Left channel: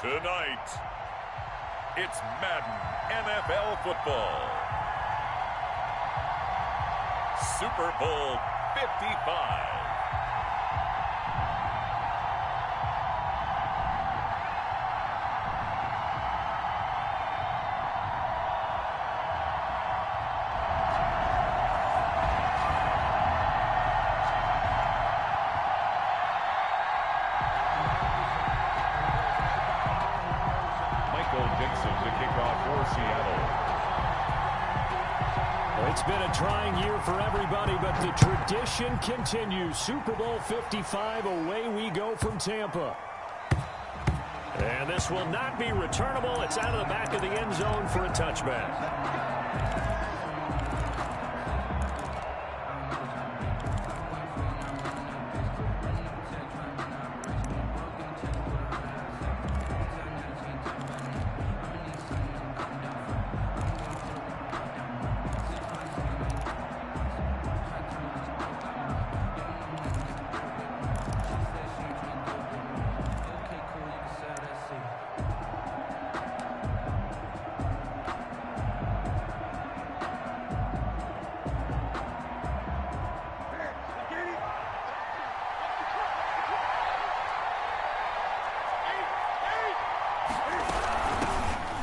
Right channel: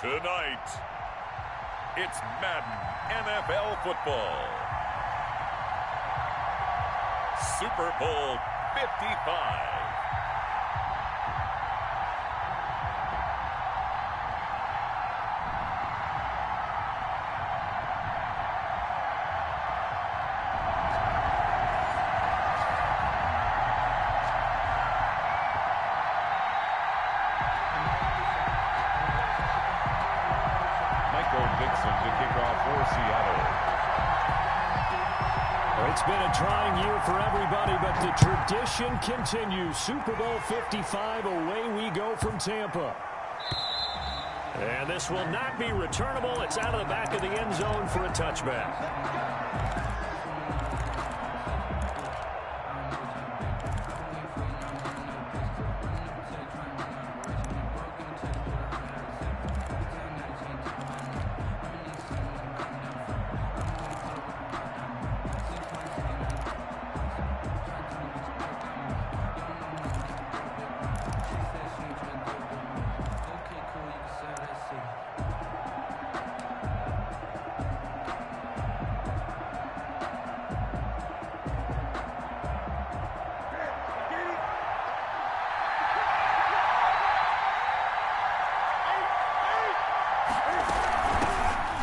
Tonight, it's Madden NFL football. Super Bowl 55. Dixon to kick off for Seattle. Well, it's been a trying year for everybody, but the tradition continues. Super Bowl 55, away we go from Tampa. And this will not be returnable. It's out of the back of the end zone for a touchback.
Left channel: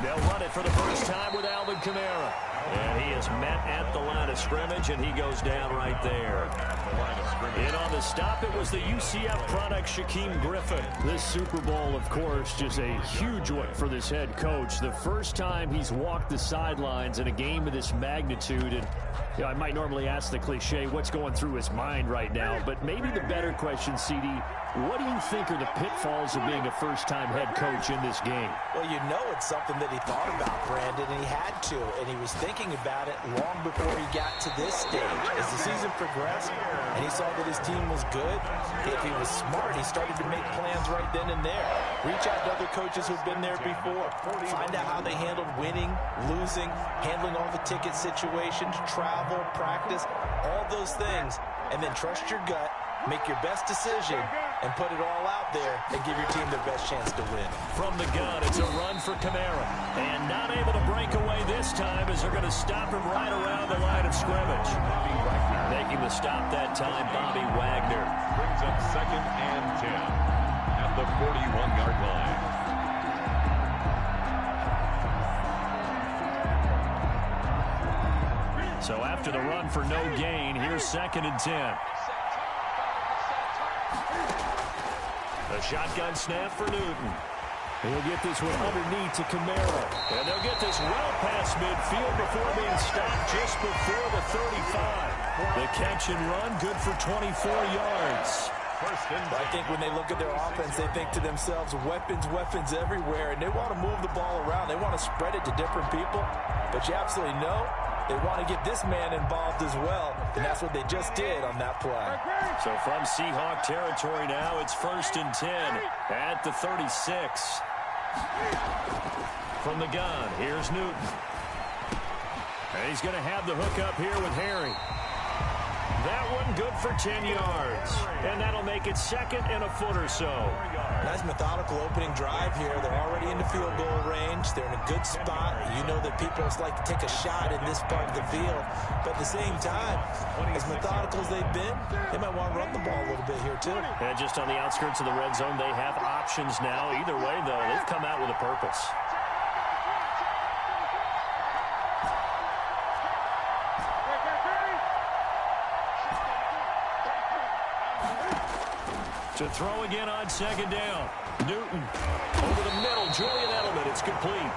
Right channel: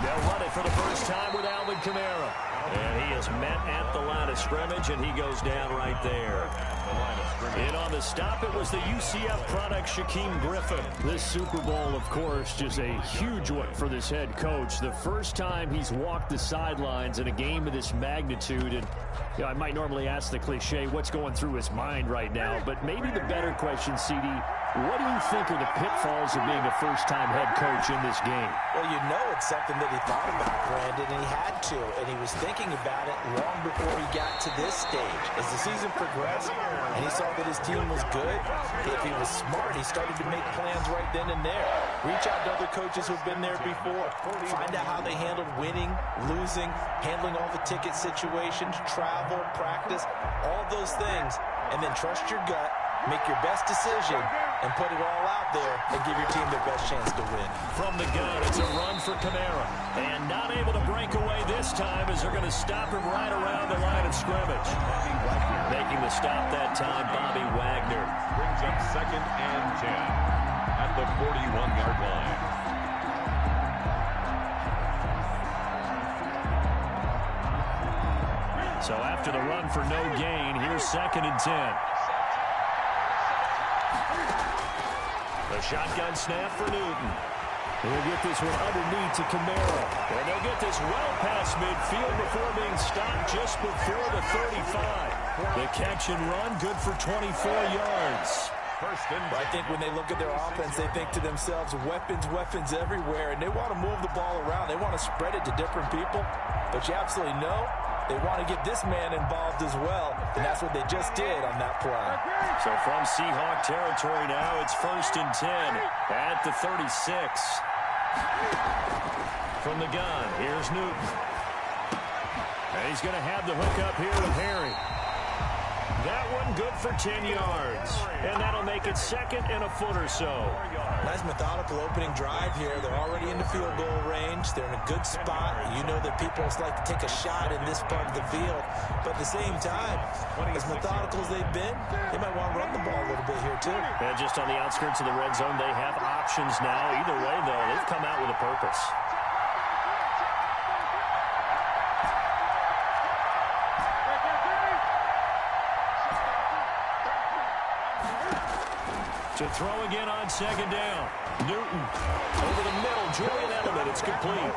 They'll run it for the first time with Alvin Kamara. And he is met at the line of scrimmage, and he goes down right there. And on the stop, it was the UCF product, Shaquem Griffin. This Super Bowl, of course, just a huge one for this head coach. The first time he's walked the sidelines in a game of this magnitude. And I might normally ask the cliche, what's going through his mind right now? But maybe the better question, CD, what do you think are the pitfalls of being a first-time head coach in this game? Well, you know it's something that he thought about, Brandon, and he had to, and he was thinking about it long before he got to this stage. As the season progressed and he saw that his team was good, if he was smart, he started to make plans right then and there. Reach out to other coaches who've been there before. Find out how they handled winning, losing, handling all the ticket situations, travel, practice, all those things, and then trust your gut, make your best decision, and put it all out there and give your team their best chance to win. From the gun, it's a run for Kamara. And not able to break away this time as they're going to stop him right around the line of scrimmage. Bobby Wagner. Making the stop that time, Bobby Wagner. Brings up 2nd and 10 at the 41-yard line. So after the run for no gain, here's 2nd and 10. A shotgun snap for Newton. He'll get this one underneath to Kamara. And they'll get this well past midfield before being stopped just before the 35. The catch and run, good for 24 yards. I think when they look at their offense, they think to themselves, weapons, weapons everywhere, and they want to move the ball around. They want to spread it to different people. But you absolutely know they want to get this man involved as well, and that's what they just did on that play. So from Seahawk territory now, it's 1st and 10 at the 36. From the gun, here's Newton. And he's going to have the hook up here with Harry. That one good for 10 yards. And that'll make it 2nd and a foot or so. Nice methodical opening drive here. They're already in the field goal range. They're in a good spot. You know that people just like to take a shot in this part of the field. But at the same time, as methodical as they've been, they might want to run the ball a little bit here too. And just on the outskirts of the red zone, they have options now. Either way, though, they've come out with a purpose. To throw again on 2nd down. Newton over the middle. Julian Edelman. It's complete.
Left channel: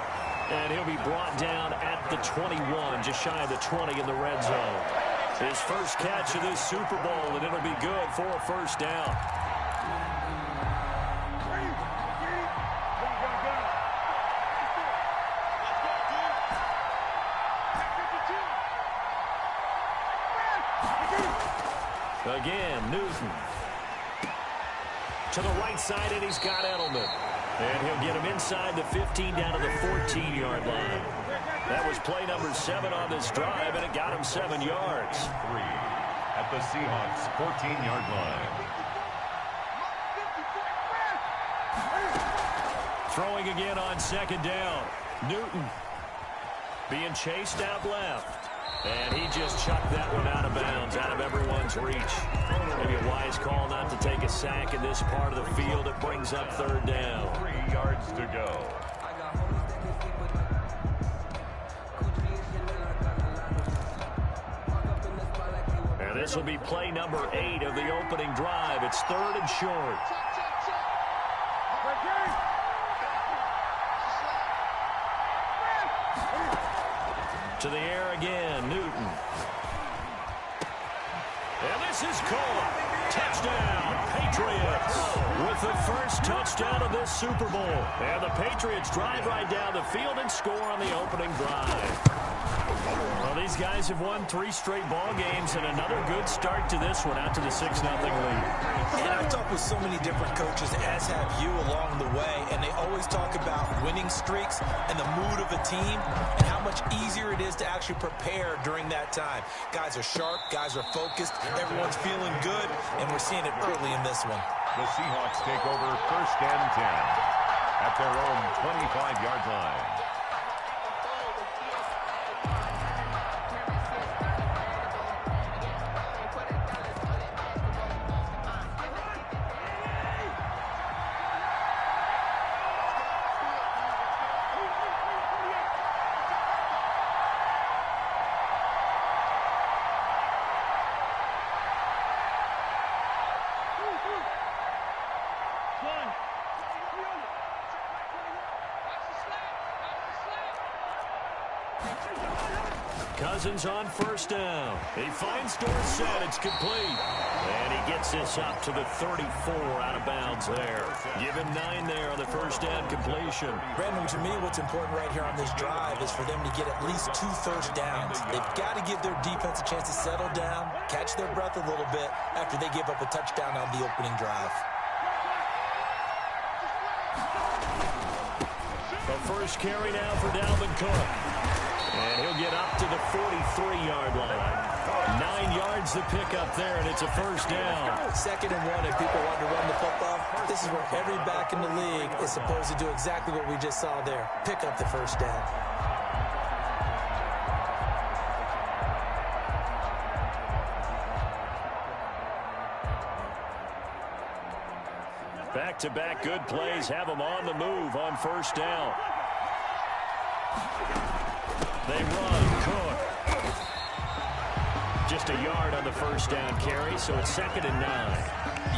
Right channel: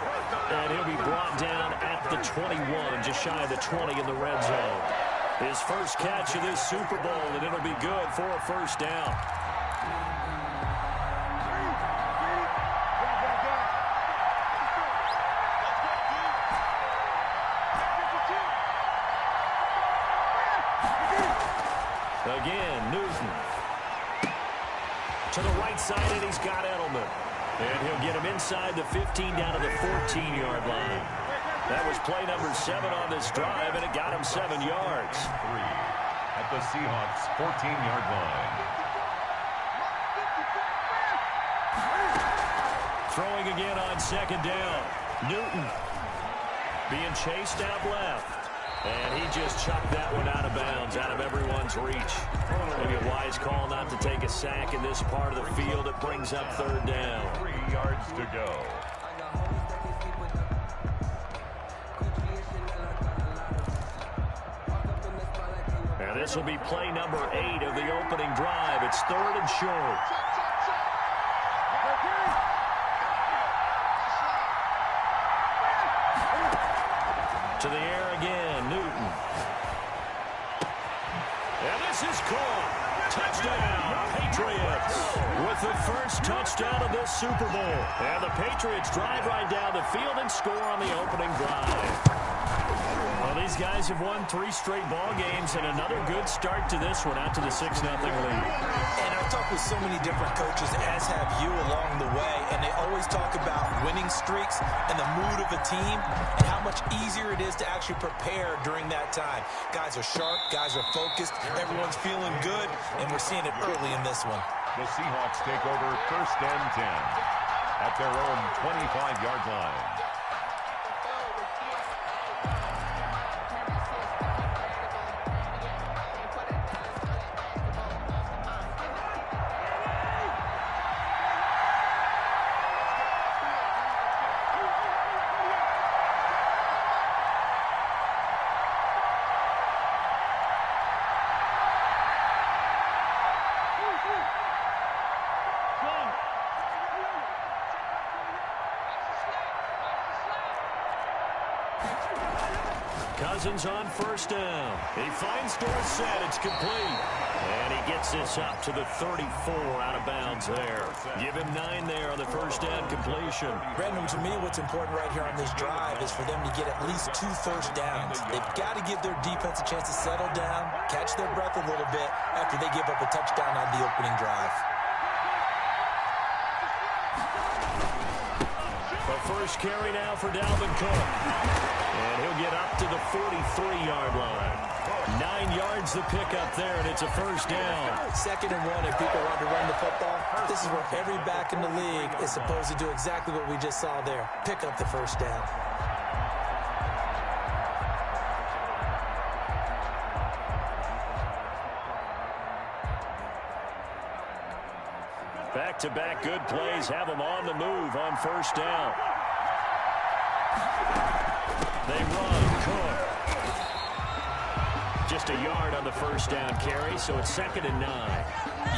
And he'll be brought down at the 21, just shy of the 20 in the red zone. His first catch of this Super Bowl, and it'll be good for a first down. Again, Newton. To the right side, and he's got Edelman. And he'll get him inside the 15 down to the 14-yard line. That was play number 7 on this drive, and it got him 7 yards. 3 at the Seahawks' 14-yard line. Throwing again on second down. Newton being chased out left. And he just chucked that one out of bounds, out of everyone's reach. Maybe a wise call not to take a sack in this part of the field. It brings up third down. 3 yards to go. And this will be play number 8 of the opening drive. It's third and short. To the air again, Newton. And this is caught. Touchdown, Patriots, with the first touchdown of this Super Bowl. And the Patriots drive right down the field and score on the opening drive. Well, these guys have won 3 straight ball games, and another good start to this one, out to the 6-0 lead. And I've talked with so many different coaches, as have you along the way, and they always talk about winning streaks and the mood of a team and how much easier it is to actually prepare during that time. Guys are sharp, guys are focused, everyone's feeling good, and we're seeing it early in this one. The Seahawks take over first and 10 at their own 25-yard line. Cousins on first down. He finds Dorsett. It's complete. And he gets this up to the 34 out of bounds there. Give him 9 there on the first down completion. Brandon, to me, what's important right here on this drive is for them to get at least 2 first downs. They've got to give their defense a chance to settle down, catch their breath a little bit after they give up a touchdown on the opening drive. The first carry now for Dalvin Cook. And he'll get up to the 43-yard line. 9 yards to pick up there, and it's a first down. 2nd and 1, and people want to run the football. This is where every back in the league is supposed to do exactly what we just saw there. Pick up the first down. Back-to-back good plays have them on the move on first down. They run. Cook. Just a yard on the first down carry, so it's 2nd and 9.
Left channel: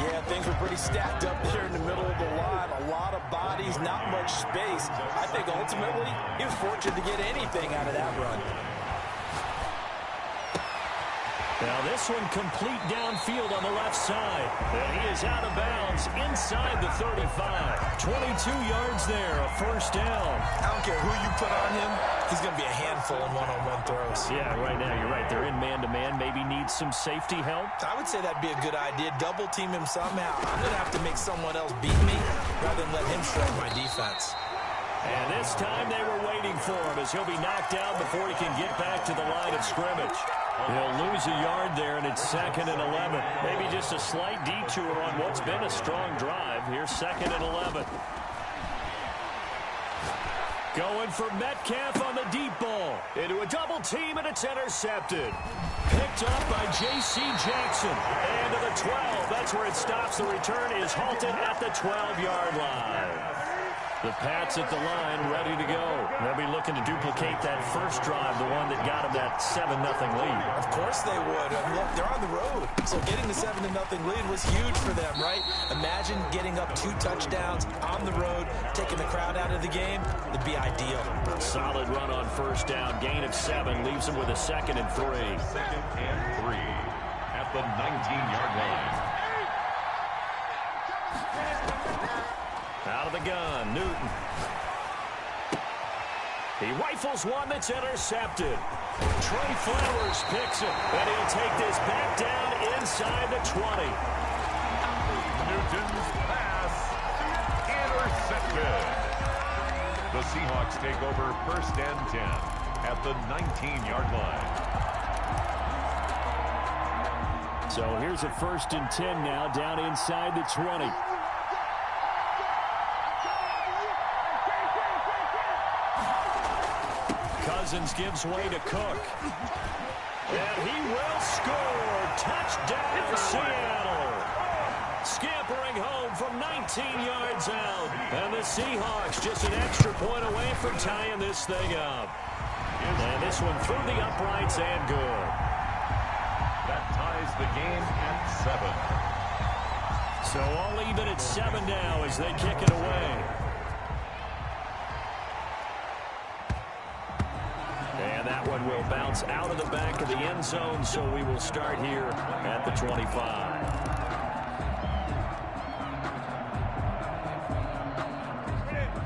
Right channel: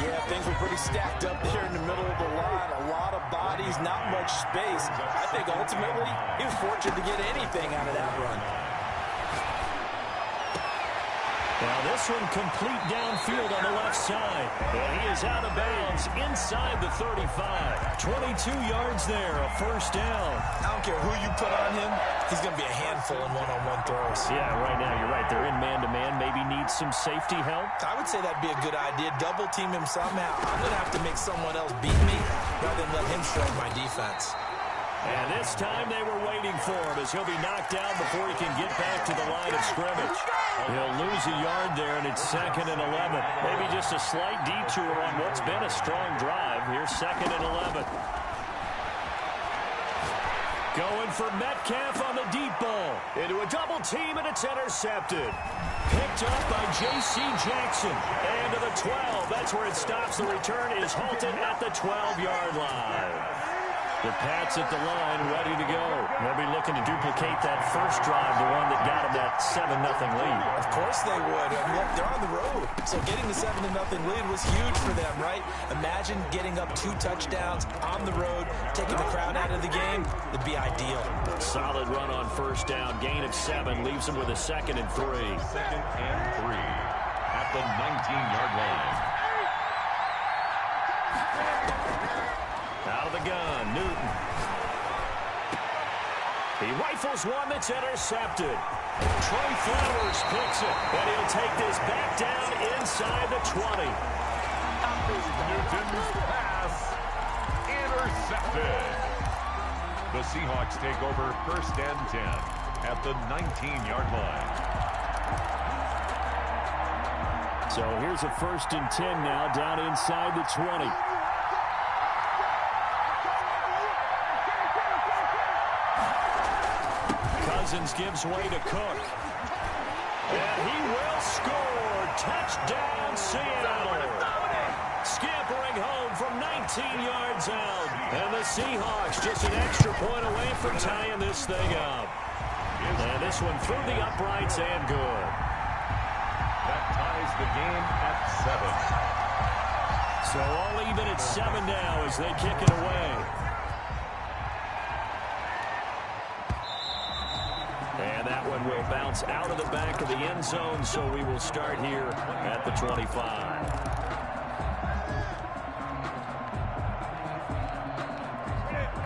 Yeah, things were pretty stacked up there in the middle of the line. A lot of bodies, not much space. I think ultimately he was fortunate to get anything out of that run. Now this one complete downfield on the left side. And he is out of bounds inside the 35. 22 yards there, a first down. I don't care who you put on him. He's going to be a handful in one-on-one throws. Yeah, right now you're right. They're in man-to-man. Maybe needs some safety help. I would say that'd be a good idea. Double team him somehow. I'm going to have to make someone else beat me rather than let him shred my defense. And this time they were waiting for him as he'll be knocked down before he can get back to the line of scrimmage. He'll lose a yard there, and it's 2nd and 11. Maybe just a slight detour on what's been a strong drive. Here's 2nd and 11. Going for Metcalf on the deep ball. Into a double team, and it's intercepted. Picked up by J.C. Jackson. And to the 12. That's where it stops. The return is halted at the 12-yard line. The Pats at the line, ready to go. They'll be looking to duplicate that first drive, the one that got them that 7-0 lead. Of course they would. I mean, look, they're on the road. So getting the 7-0 lead was huge for them, right? Imagine getting up 2 touchdowns on the road, taking the crowd out of the game. It'd be ideal. Solid run on first down. Gain of 7 leaves them with a 2nd and 3. 2nd and 3 at the 19-yard line. Out of the gun, Newton. He rifles one that's intercepted. Trey Flowers picks it, and he'll take this back down inside the 20. Newton's pass intercepted. The Seahawks take over first and 10 at the 19-yard line. So here's a 1st and 10 now down inside the 20. Cousins gives way to Cook. And he will score. Touchdown, Seattle. Scampering home from 19 yards out. And the Seahawks just an extra point away from tying this thing up. And this one through the uprights and good. That ties the game at 7. So all even at 7 now as they kick it away. And that one will bounce out of the back of the end zone, so we will start here at the 25.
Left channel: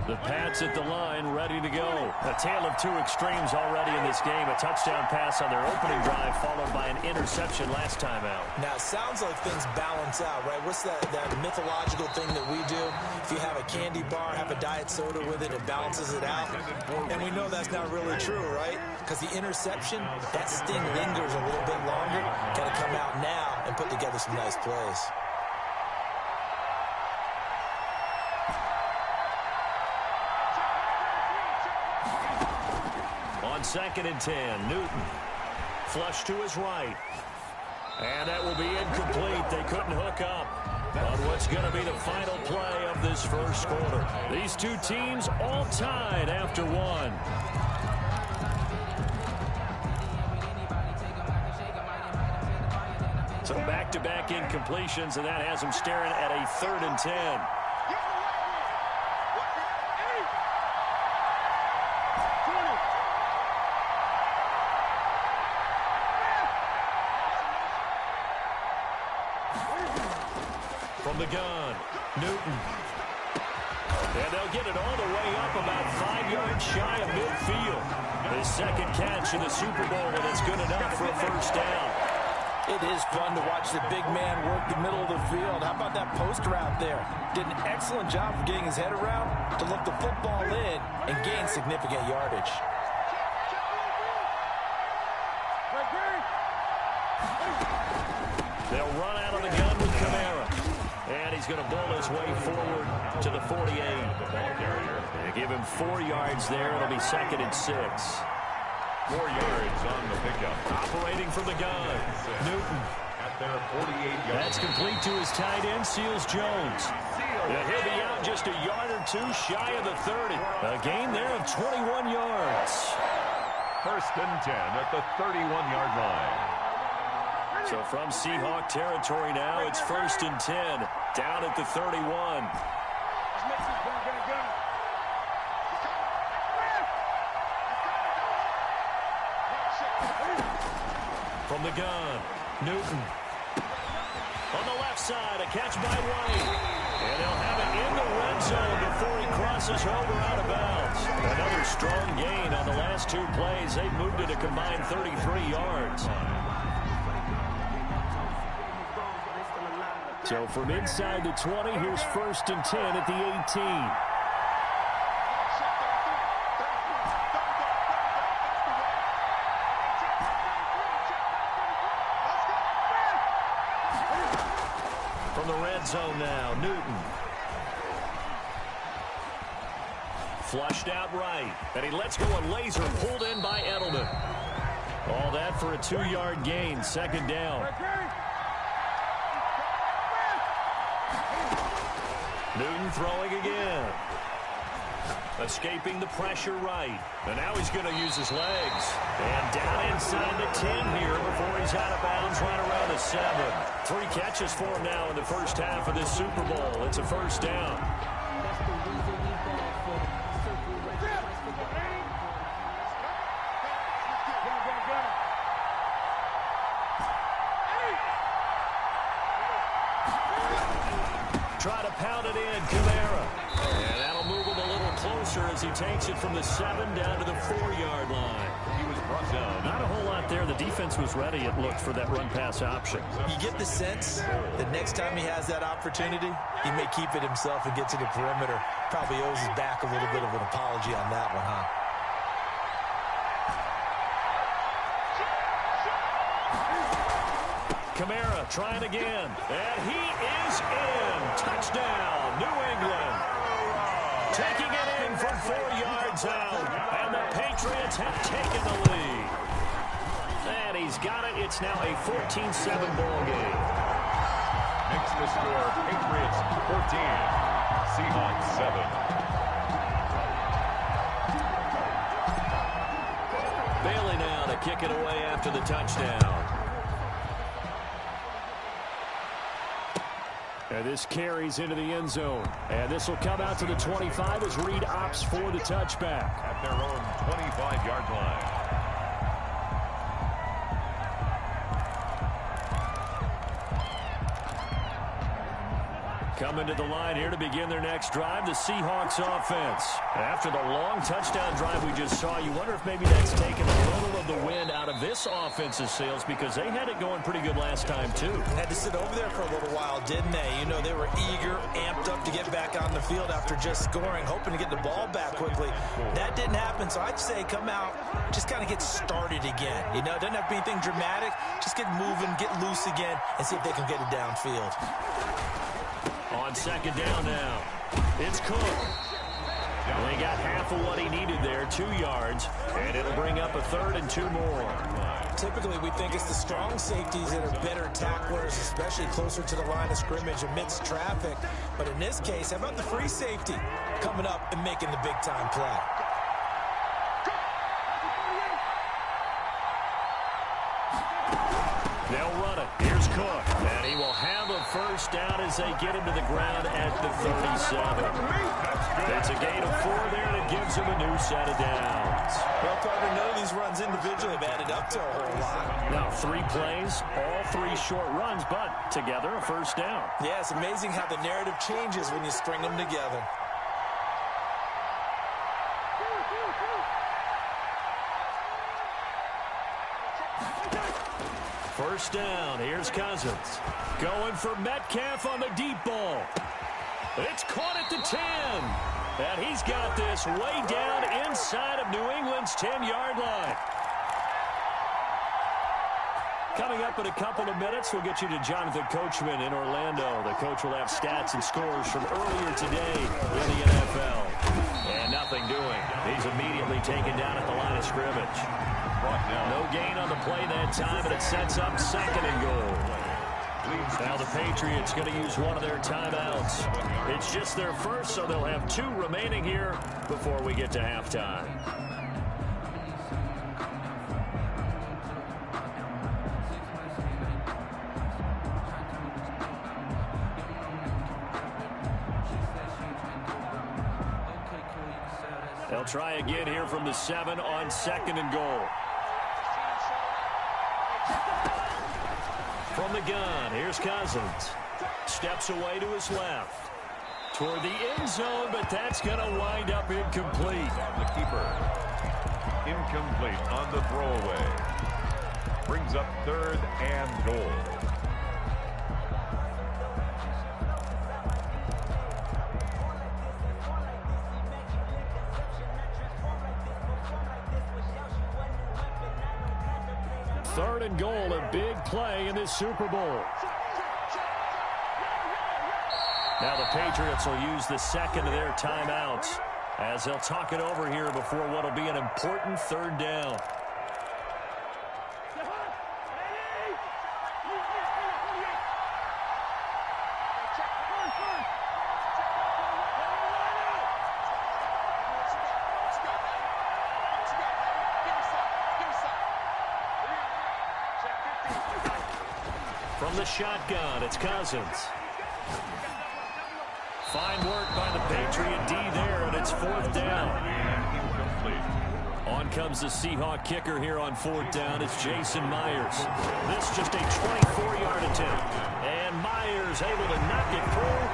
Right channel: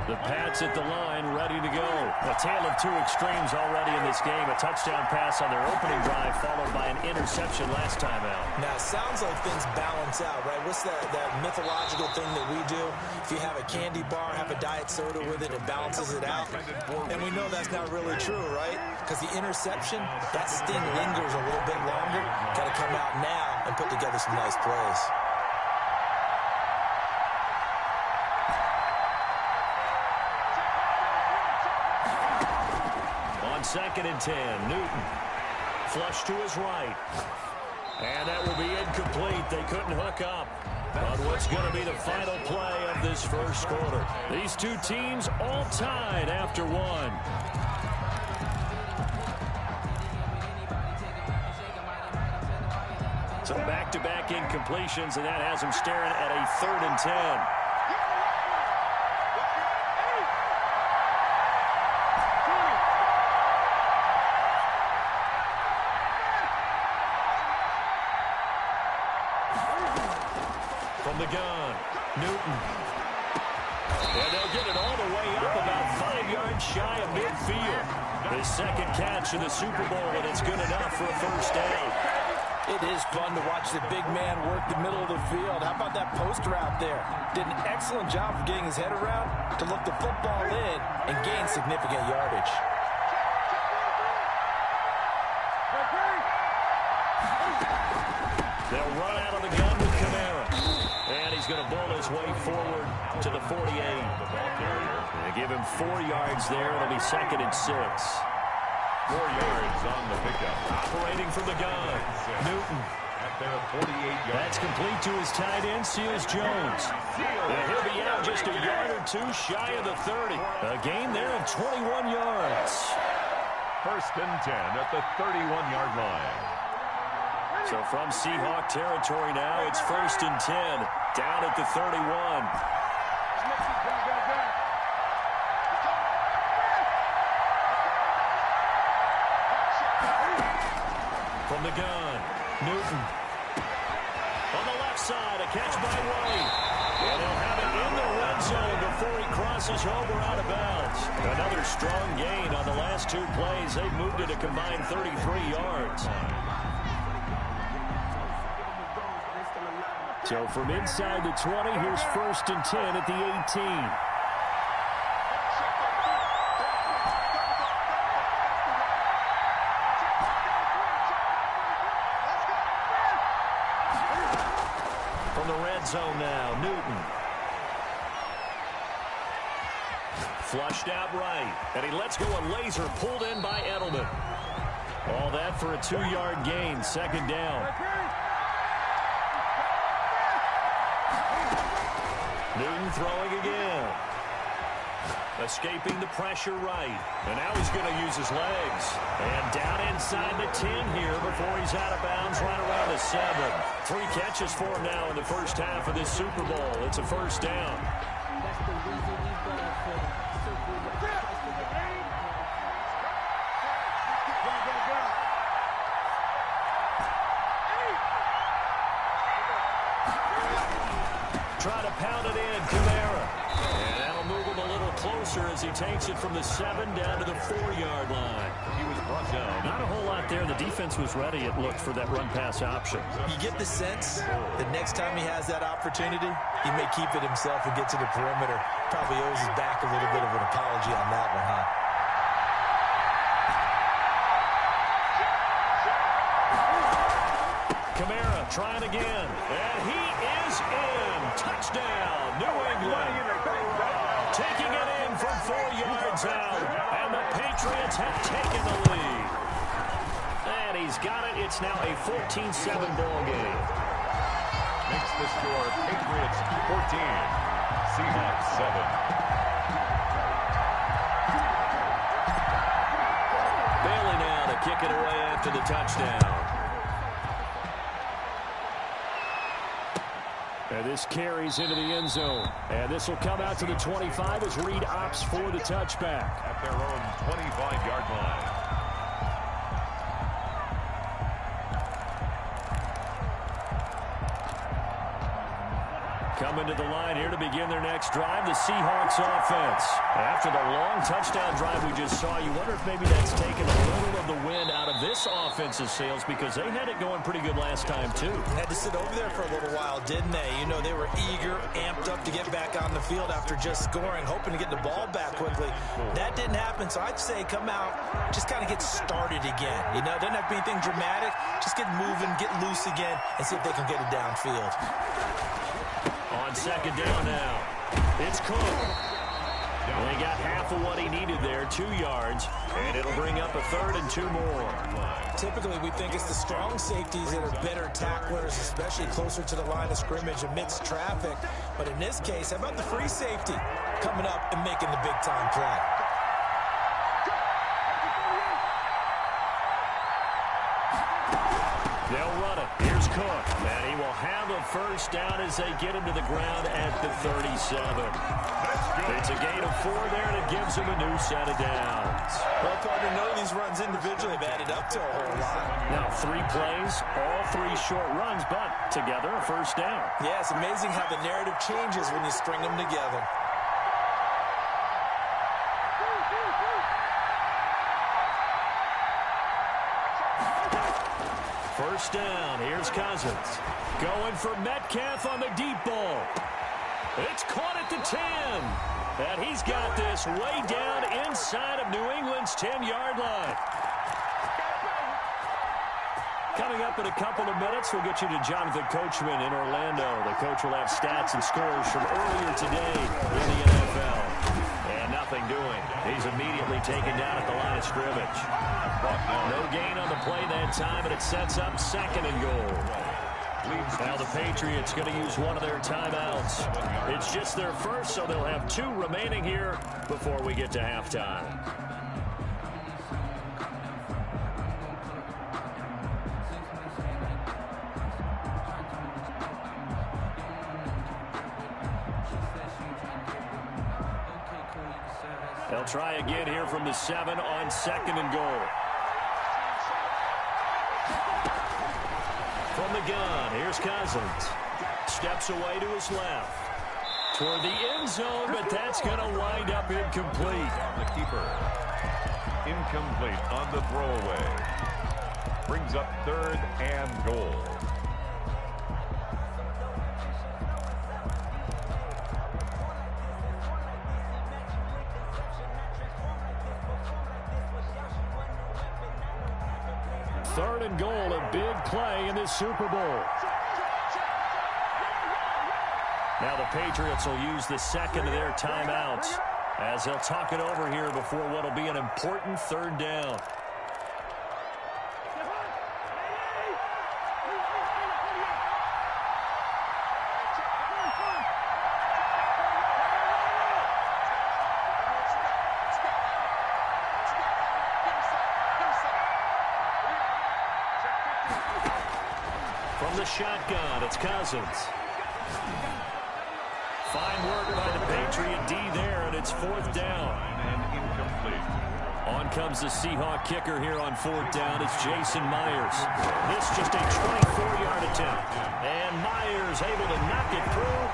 The Pats at the line, ready to go. A tale of two extremes already in this game. A touchdown pass on their opening drive, followed by an interception last time out. Now, it sounds like things balance out, right? What's that mythological thing that we do? If you have a candy bar, have a diet soda with it, it balances it out. And we know that's not really true, right? Because the interception, that sting lingers a little bit longer. Got to come out now and put together some nice plays. On 2nd and 10, Newton. Flush to his right. And that will be incomplete. They couldn't hook up. But what's going to be the final play of this first quarter? These two teams all tied after one. So back-to-back incompletions, and that has them staring at a 3rd and 10. From the gun, Newton. And they'll get it all the way up about 5 yards shy of midfield. His second catch in the Super Bowl, and it's good enough for a first down. It is fun to watch the big man work the middle of the field. How about that post route there? Did an excellent job of getting his head around to look the football in and gain significant yardage. They'll run out of the gun with Kamara. And he's going to bull his way forward to the 48. They give him 4 yards there. It'll be 2nd and 6. 4 yards on the pickup. Operating from the gun, Newton. At their 48-yard. That's complete to his tight end, Seals Jones. And he'll be out just a yard or two shy of the 30. A gain there of 21 yards. 1st and 10 at the 31-yard line. So from Seahawk territory now, it's 1st and 10, down at the 31. From the gun, Newton. On the left side, a catch by White. And he'll have it in the red zone before he crosses over out of bounds. Another strong gain on the last 2 plays. They've moved it a combined 33 yards. So from inside the 20, here's 1st and 10 at the 18. From the red zone now, Newton. Flushed out right, and he lets go a laser pulled in by Edelman. All that for a 2-yard gain, 2nd down. Newton throwing again. Escaping the pressure right. And now he's going to use his legs. And down inside the 10 here before he's out of bounds right around the 7. 3 catches for him now in the first half of this Super Bowl. It's a first down. Try to pound it in, Kamara. And that'll move him a little closer as he takes it from the 7 down to the 4-yard line. He was brought down. Not a whole lot there. The defense was ready, it looked, for that run-pass option. You get the sense that next time he has that opportunity, he may keep it himself and get to the perimeter. Probably owes his back a little bit of an apology on that one, huh? Kamara trying again, and he is in. Touchdown, New England. Taking it in from 4 yards out, and the Patriots Patriots have taken the lead. And he's got it. It's now a 14-7 ball game. Makes the score Patriots 14, Seahawks 7. Bailey now to kick it away after the touchdown. And this carries into the end zone. And this will come out to the 25 as Reed opts for the touchback. At their own 25-yard line. Coming to the line here to begin their next drive, the Seahawks offense. After the long touchdown drive we just saw, you wonder if maybe that's taken a little of the wind out of this offense's sails because they had it going pretty good last time, too. Had to sit over there for a little while, didn't they? You know, they were eager, amped up to get back on the field after just scoring, hoping to get the ball back quickly. That didn't happen, so I'd say come out, just kind of get started again. You know, it doesn't have to be anything dramatic. Just get moving, get loose again, and see if they can get it downfield. On second down now, it's Cook. And he got half of what he needed there, 2 yards, and it'll bring up a 3rd and 2 more. Typically, we think it's the strong safeties that are better tacklers, especially closer to the line of scrimmage amidst traffic. But in this case, how about the free safety coming up and making the big-time play? They'll run it. Here's Cook. And he will have a first down as they get him to the ground at the 37. It's a gain of 4 there, and it gives him a new set of downs. Well, partner, none of these runs individually have added up to a whole lot. Now, 3 plays, all 3 short runs, but together a first down. Yeah, it's amazing how the narrative changes when you string them together. First down. Here's Cousins. Going for Metcalf on the deep ball. It's caught at the 10. And he's got this way down inside of New England's 10-yard line. Coming up in a couple of minutes, we'll get you to Jonathan Coachman in Orlando. The coach will have stats and scores from earlier today in the NFL. And nothing doing. He's immediately taken down at the line of scrimmage. No gain on the play that time, and it sets up 2nd and goal. Now the Patriots going to use one of their timeouts. It's just their first, so they'll have 2 remaining here before we get to halftime. They'll try again here from the 7 on 2nd and goal. From the gun, here's Cousins. Steps away to his left. Toward the end zone, but that's going to wind up incomplete. The keeper. Incomplete on the throwaway. Brings up 3rd and goal. Third and goal, a big play in this Super Bowl. Now the Patriots will use the 2nd of their timeouts as they'll talk it over here before what will be an important 3rd down. From the shotgun, it's Cousins. Fine work by the Patriot D there, and it's 4th down. And incomplete. On comes the Seahawk kicker here on 4th down. It's Jason Myers. This just a 24-yard attempt. And Myers able to knock it through.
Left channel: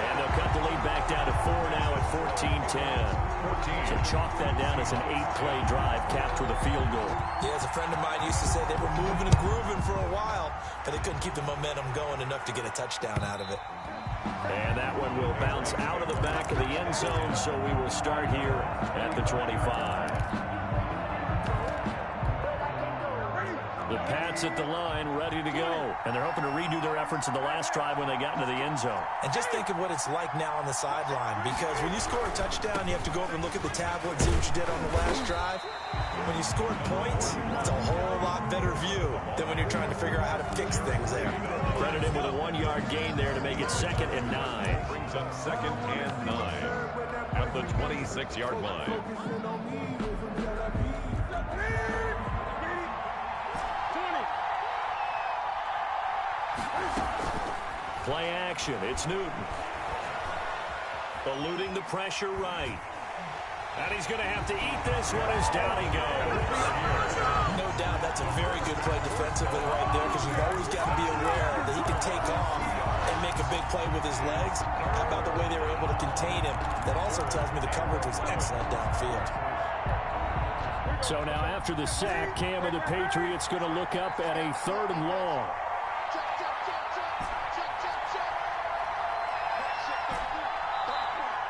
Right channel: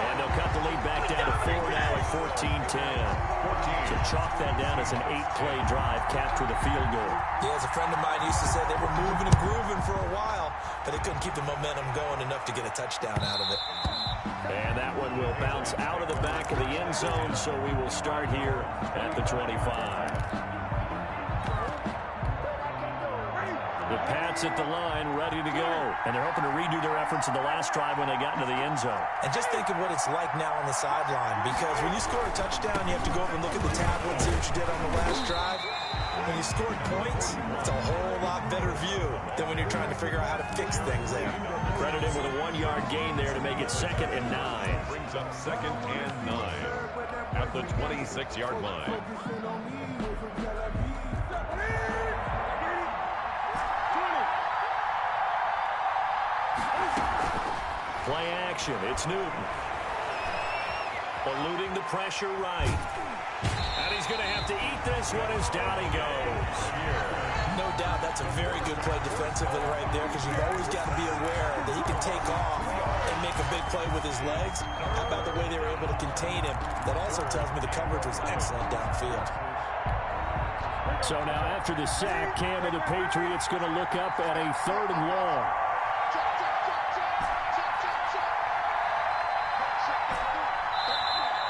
And they'll cut the lead back down to 4 now at 14-10. So chalk that down as an 8-play drive capped with a field goal. Yeah, as a friend of mine used to say, they were moving and grooving for a while, but they couldn't keep the momentum going enough to get a touchdown out of it. And that one will bounce out of the back of the end zone, so we will start here at the 25. The Pats at the line, ready to go. And they're hoping to redo their efforts in the last drive when they got into the end zone. And just think of what it's like now on the sideline, because when you score a touchdown, you have to go over and look at the tablet and see what you did on the last drive. When you scored points, it's a whole lot better view than when you're trying to figure out how to fix things there. Credit him with a 1-yard gain there to make it 2nd and 9. Brings up 2nd and 9 at the 26-yard line. Play action. It's Newton. Eluding the pressure right. And he's going to have to eat this one as down he goes. No doubt that's a very good play defensively right there, because you've always got to be aware that he can take off and make a big play with his legs. How about the way they were able to contain him? That also tells me the coverage was excellent downfield. So now after the sack, Cam and the Patriots going to look up at a 3rd and long.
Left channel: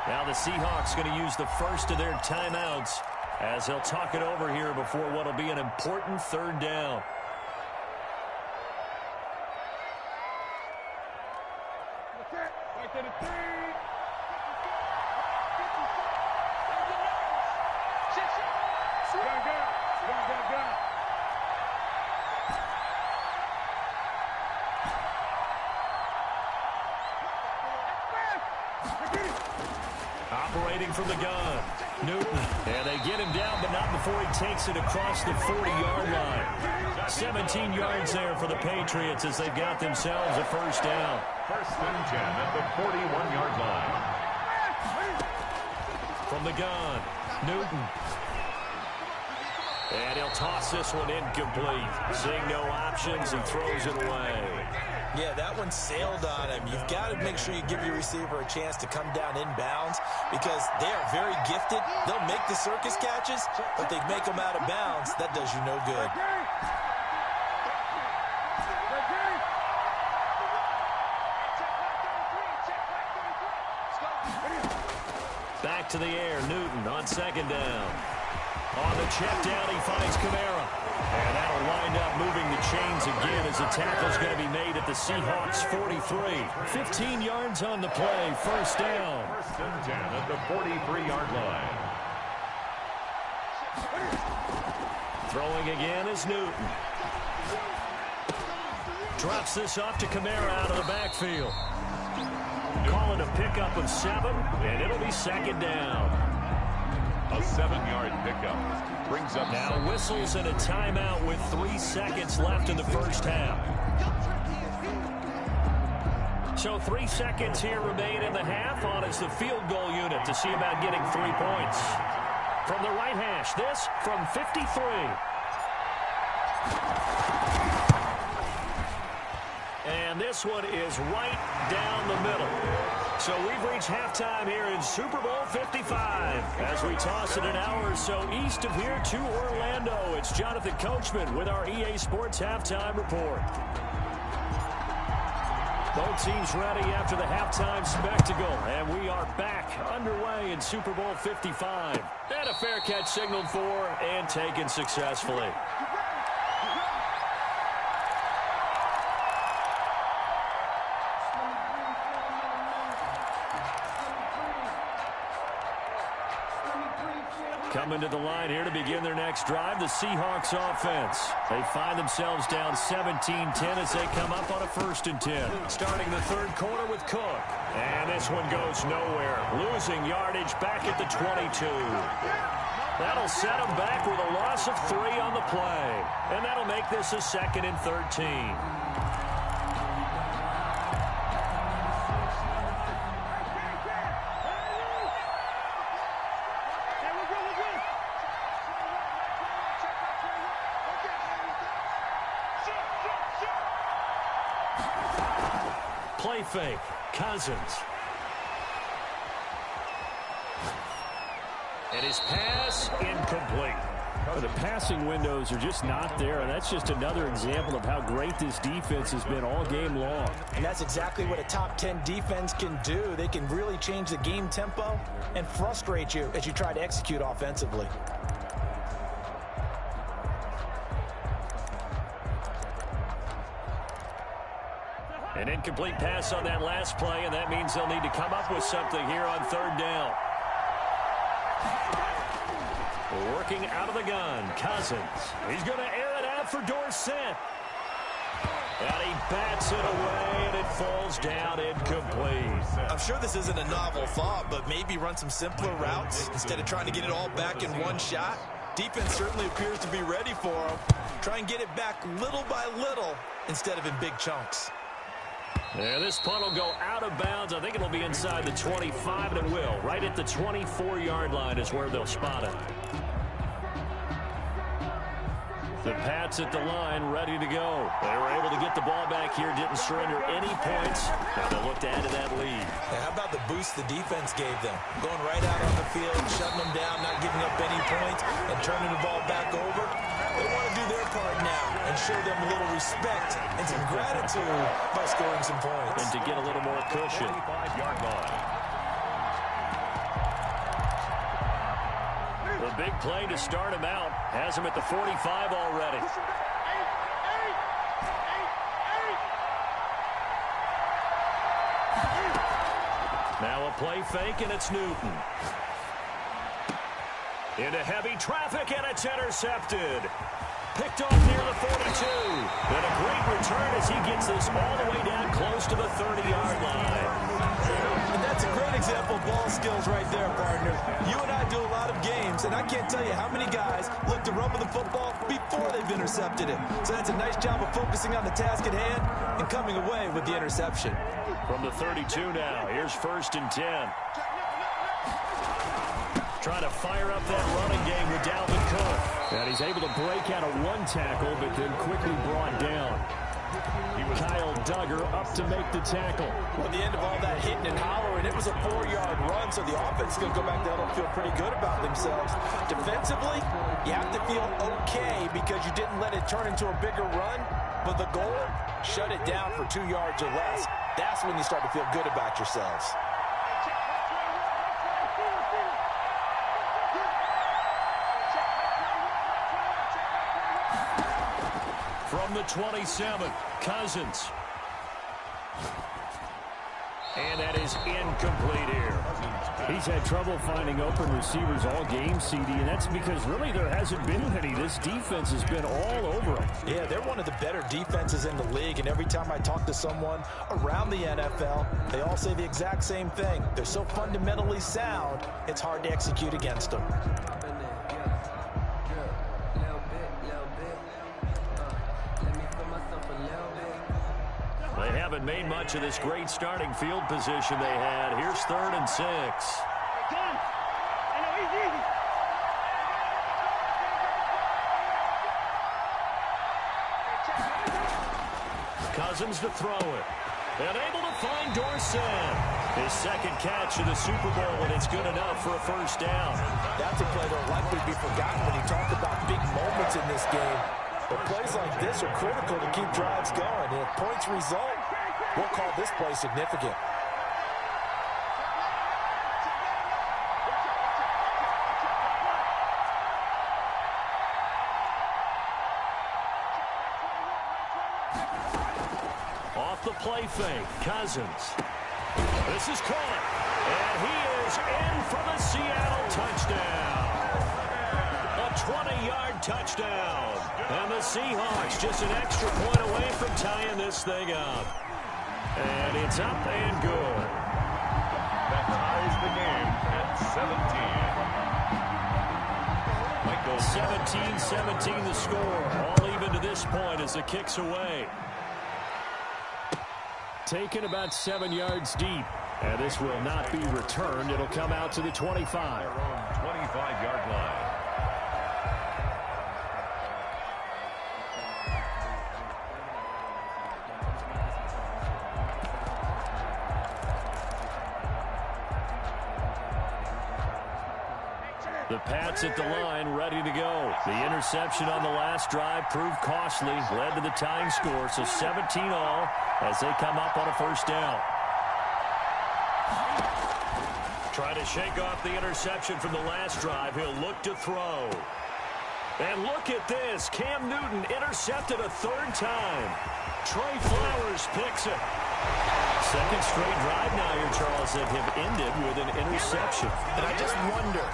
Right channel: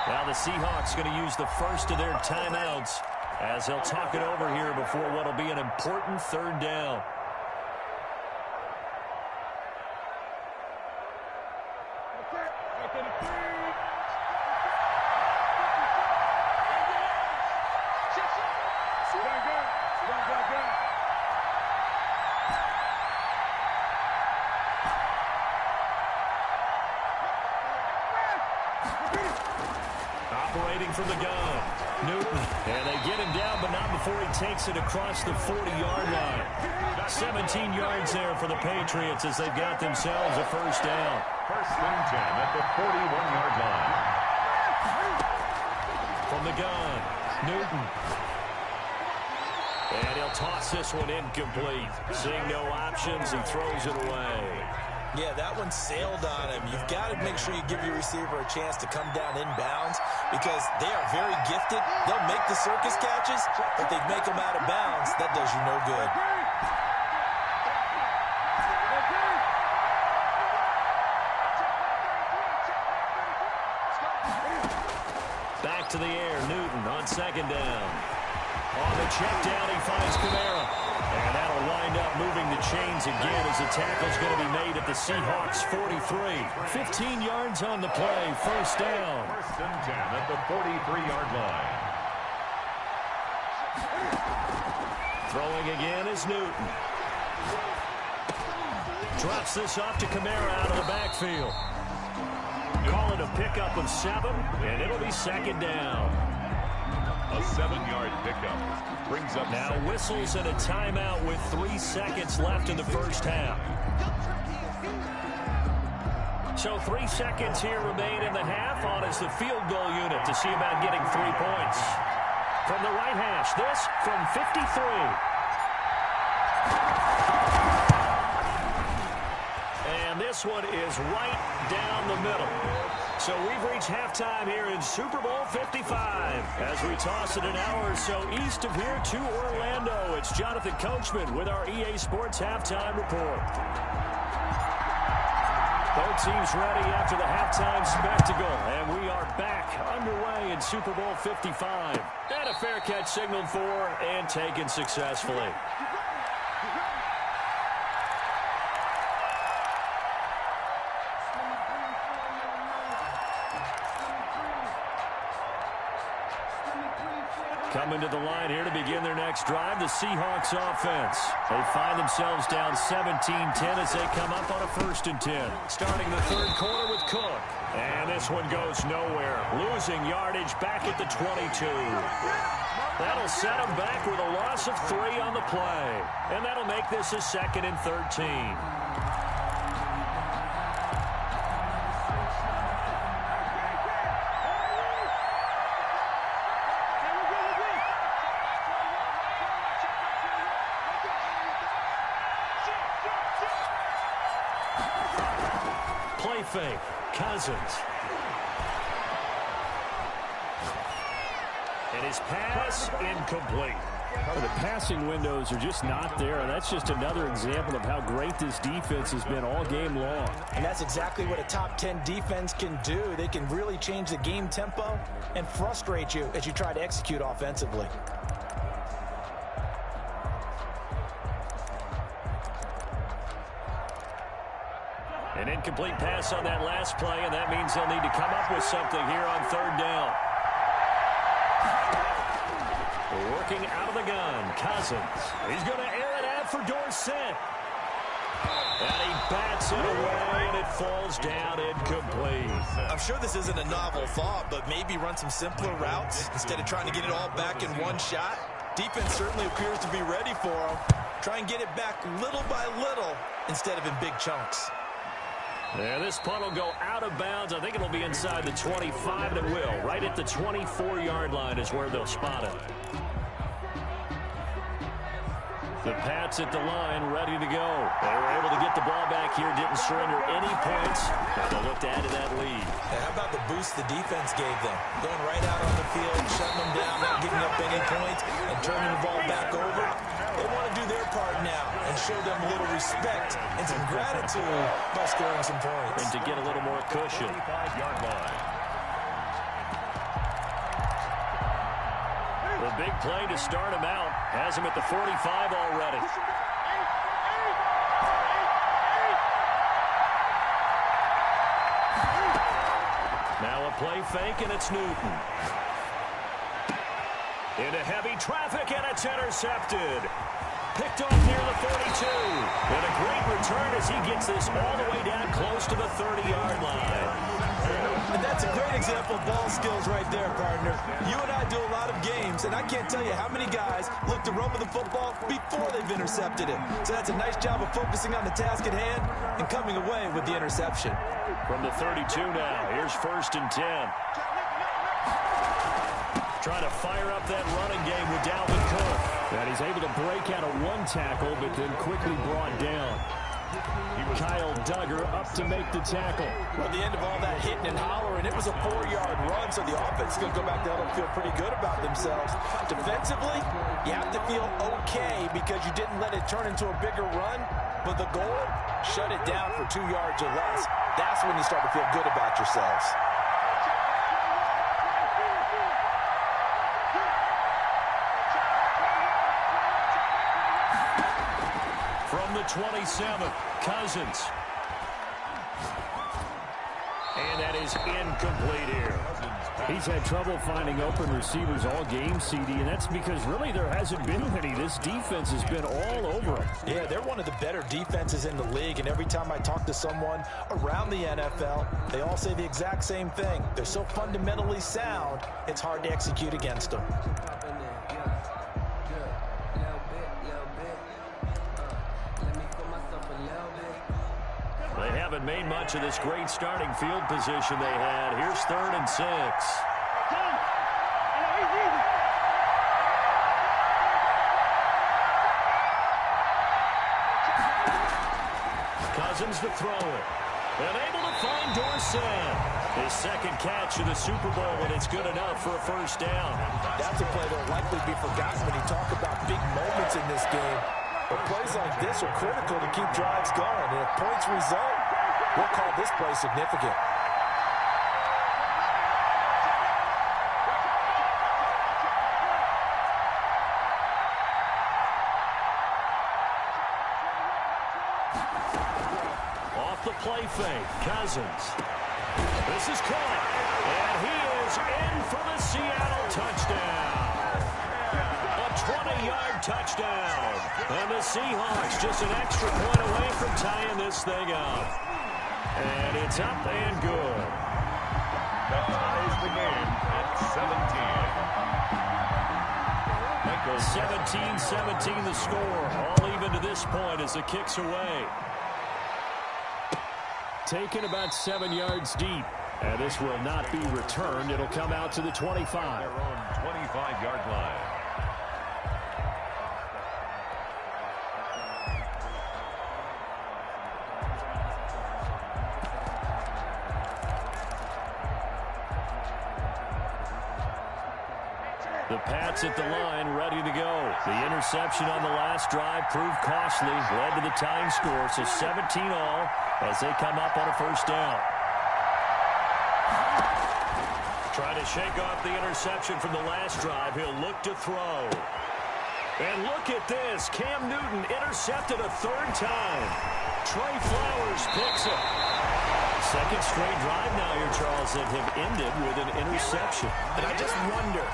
Now the Seahawks going to use the first of their timeouts as they'll talk it over here before what will be an important 3rd down. Operating from the gun, Newton. And they get him down, but not before he takes it across the 40-yard line. 17 yards there for the Patriots as they've got themselves a 1st down. 1st and 10 at the 41-yard line. From the gun, Newton. And he'll toss this one incomplete. Seeing no options, he throws it away. Yeah, that one sailed on him. You've got to make sure you give your receiver a chance to come down inbounds, because they are very gifted. They'll make the circus catches, but they make them out of bounds. That does you no good. Back to the air, Newton on 2nd down. On the check down, he finds Kamara. And that'll wind up moving the chains again as the tackle's going to be made at the Seahawks 43. 15 yards on the play, 1st down. 1st and 10 at the 43-yard line. Throwing again is Newton. Drops this off to Kamara out of the backfield. Call it a pickup of 7, and it'll be 2nd down. A 7-yard pickup brings up now whistles and a timeout with 3 seconds left in the 1st half. So 3 seconds here remain in the half. On is the field goal unit to see about getting 3 points. From the right hash, this from 53. And this one is right down the middle. So we've reached halftime here in Super Bowl 55. As we toss it an hour or so east of here to Orlando, it's Jonathan Coachman with our EA Sports Halftime Report. Both teams ready after the halftime spectacle, and we are back underway in Super Bowl 55. And a fair catch signaled for and taken successfully. Coming to the line here to begin their next drive, the Seahawks offense. They find themselves down 17-10 as they come up on a 1st and 10. Starting the 3rd quarter with Cook. And this one goes nowhere. Losing yardage back at the 22. That'll set them back with a loss of 3 on the play. And that'll make this a 2nd and 13. Play fake, Cousins. And his pass incomplete. The passing windows are just not there, and that's just another example of how great this defense has been all game long. And that's exactly what a top 10 defense can do. They can really change the game tempo and frustrate you as you try to execute offensively. An incomplete pass on that last play, and that means they'll need to come up with something here on third down. Working out of the gun, Cousins. He's going to air it out for Dorsett. And he bats it away, and it falls down incomplete. I'm sure this isn't a novel thought, but maybe run some simpler routes instead of trying to get it all back in one shot. Defense certainly appears to be ready for him. Try and get it back little by little instead of in big chunks. And this punt will go out of bounds. I think it'll be inside the 25, and it will. Right at the 24-yard line is where they'll spot it. The Pats at the line, ready to go. They were able to get the ball back here, didn't surrender any points. Now they'll look to add to that lead. How about the boost the defense gave them? Going right out on the field, shutting them down, not giving up any points, and turning the ball back over. They want to do their part now and show them a little respect and some gratitude by scoring some points. And to get a little more cushion. 25-yard line. The big play to start him out. Has him at the 45 already. Now a play fake, and it's Newton. Into heavy traffic, and it's intercepted. Picked off near the 42. And a great return as he gets this all the way down close to the 30-yard line. And that's a great example of ball skills right there, partner. You and I do a lot of games, and I can't tell you how many guys look to run with the football before they've intercepted it. So that's a nice job of focusing on the task at hand and coming away with the interception. From the 32 now, here's 1st and 10. Trying to fire up that running game with Dalvin Cook. And he's able to break out of one tackle, but then quickly brought down. Kyle Duggar up to make the tackle. Well, at the end of all that hitting and hollering, it was a 4-yard run, so the offense is going to go back there and feel pretty good about themselves. Defensively, you have to feel okay because you didn't let it turn into a bigger run, but the goal, shut it down for 2 yards or less. That's when you start to feel good about yourselves. From the 27, Cousins. And that is incomplete here. He's had trouble finding open receivers all game, CD, and that's because really there hasn't been any. This defense has been all over him. Yeah, they're one of the better defenses in the league, and every time I talk to someone around the NFL, they all say the exact same thing. They're so fundamentally sound, it's hard to execute against them. They haven't made much of this great starting field position they had. Here's 3rd and 6. Cousins to throw it. And able to find Dorsett. His second catch of the Super Bowl, and it's good enough for a 1st down. That's a play that will likely be forgotten when you talk about big moments in this game. But plays like this are critical to keep drives going. And if points result, we'll call this play significant. Off the play fake, Cousins. This is caught, and he is in for the Seattle touchdown. A 20-yard touchdown. And the Seahawks just an extra point away from tying this thing up. And it's up and good. That ties the game at 17. 17-17 the score. All even to this point as the kick's away. Taken about 7 yards deep. And this will not be returned. It'll come out to the 25. Their own 25-yard line. The Pats at the line, ready to go. The interception on the last drive proved costly, led to the tying score, so 17 all as they come up on a 1st down. Try to shake off the interception from the last drive. He'll look to throw. And look at this. Cam Newton intercepted a 3rd time. Trey Flowers picks it. Second straight drive now here, Charles, that have ended with an interception. And I just wonder,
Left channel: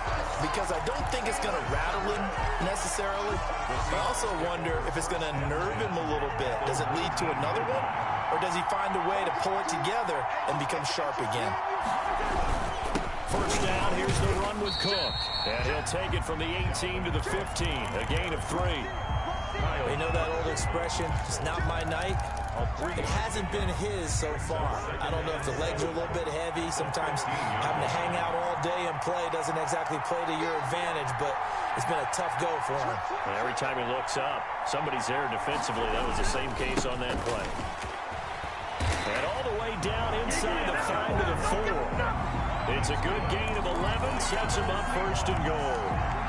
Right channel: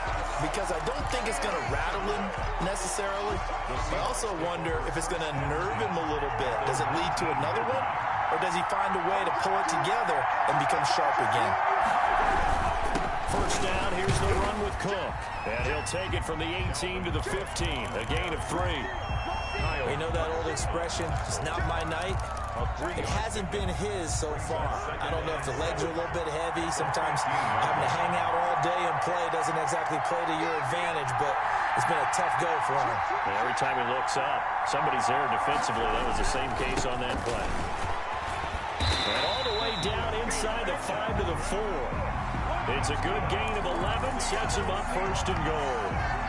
because I don't think it's going to rattle him necessarily, but I also wonder if it's going to nerve him a little bit. Does it lead to another one, or does he find a way to pull it together and become sharp again? First down, here's the run with Cook. And he'll take it from the 18 to the 15, a gain of 3. You know that old expression, it's not my night? It hasn't been his so far. I don't know if the legs are a little bit heavy. Sometimes having to hang out all day and play doesn't exactly play to your advantage, but it's been a tough go for him. And every time he looks up, somebody's there defensively. That was the same case on that play. And all the way down inside the 5 to the 4. It's a good gain of 11, sets him up first and goal.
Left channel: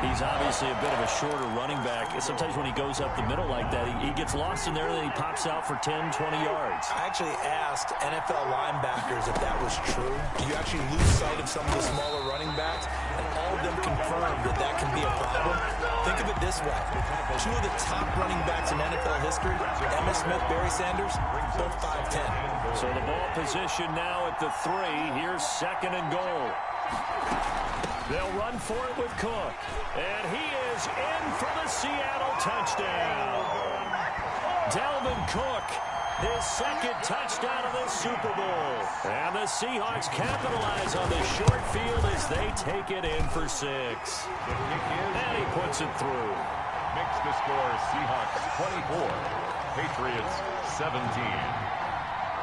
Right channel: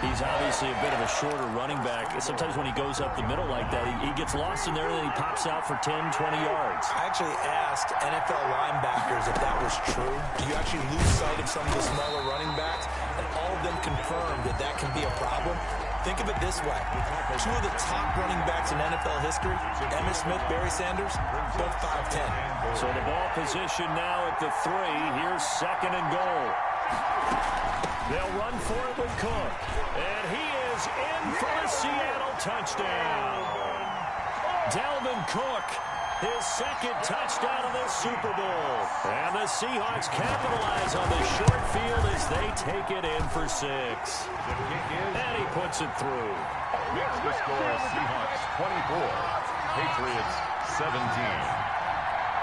He's obviously a bit of a shorter running back. Sometimes when he goes up the middle like that, he gets lost in there, and then he pops out for 10, 20 yards. I actually asked NFL linebackers if that was true. Do you actually lose sight of some of the smaller running backs? And all of them confirmed that that can be a problem. Think of it this way. 2 of the top running backs in NFL history, Emmitt Smith, Barry Sanders, both 5'10". So the ball position now at the 3. Here's second and goal. They'll run for it with Cook. And he is in for the Seattle touchdown. Dalvin Cook, his second touchdown of this Super Bowl. And the Seahawks capitalize on the short field as they take it in for 6. The kick is, and he puts it through. Makes the score Seahawks 24, Patriots 17.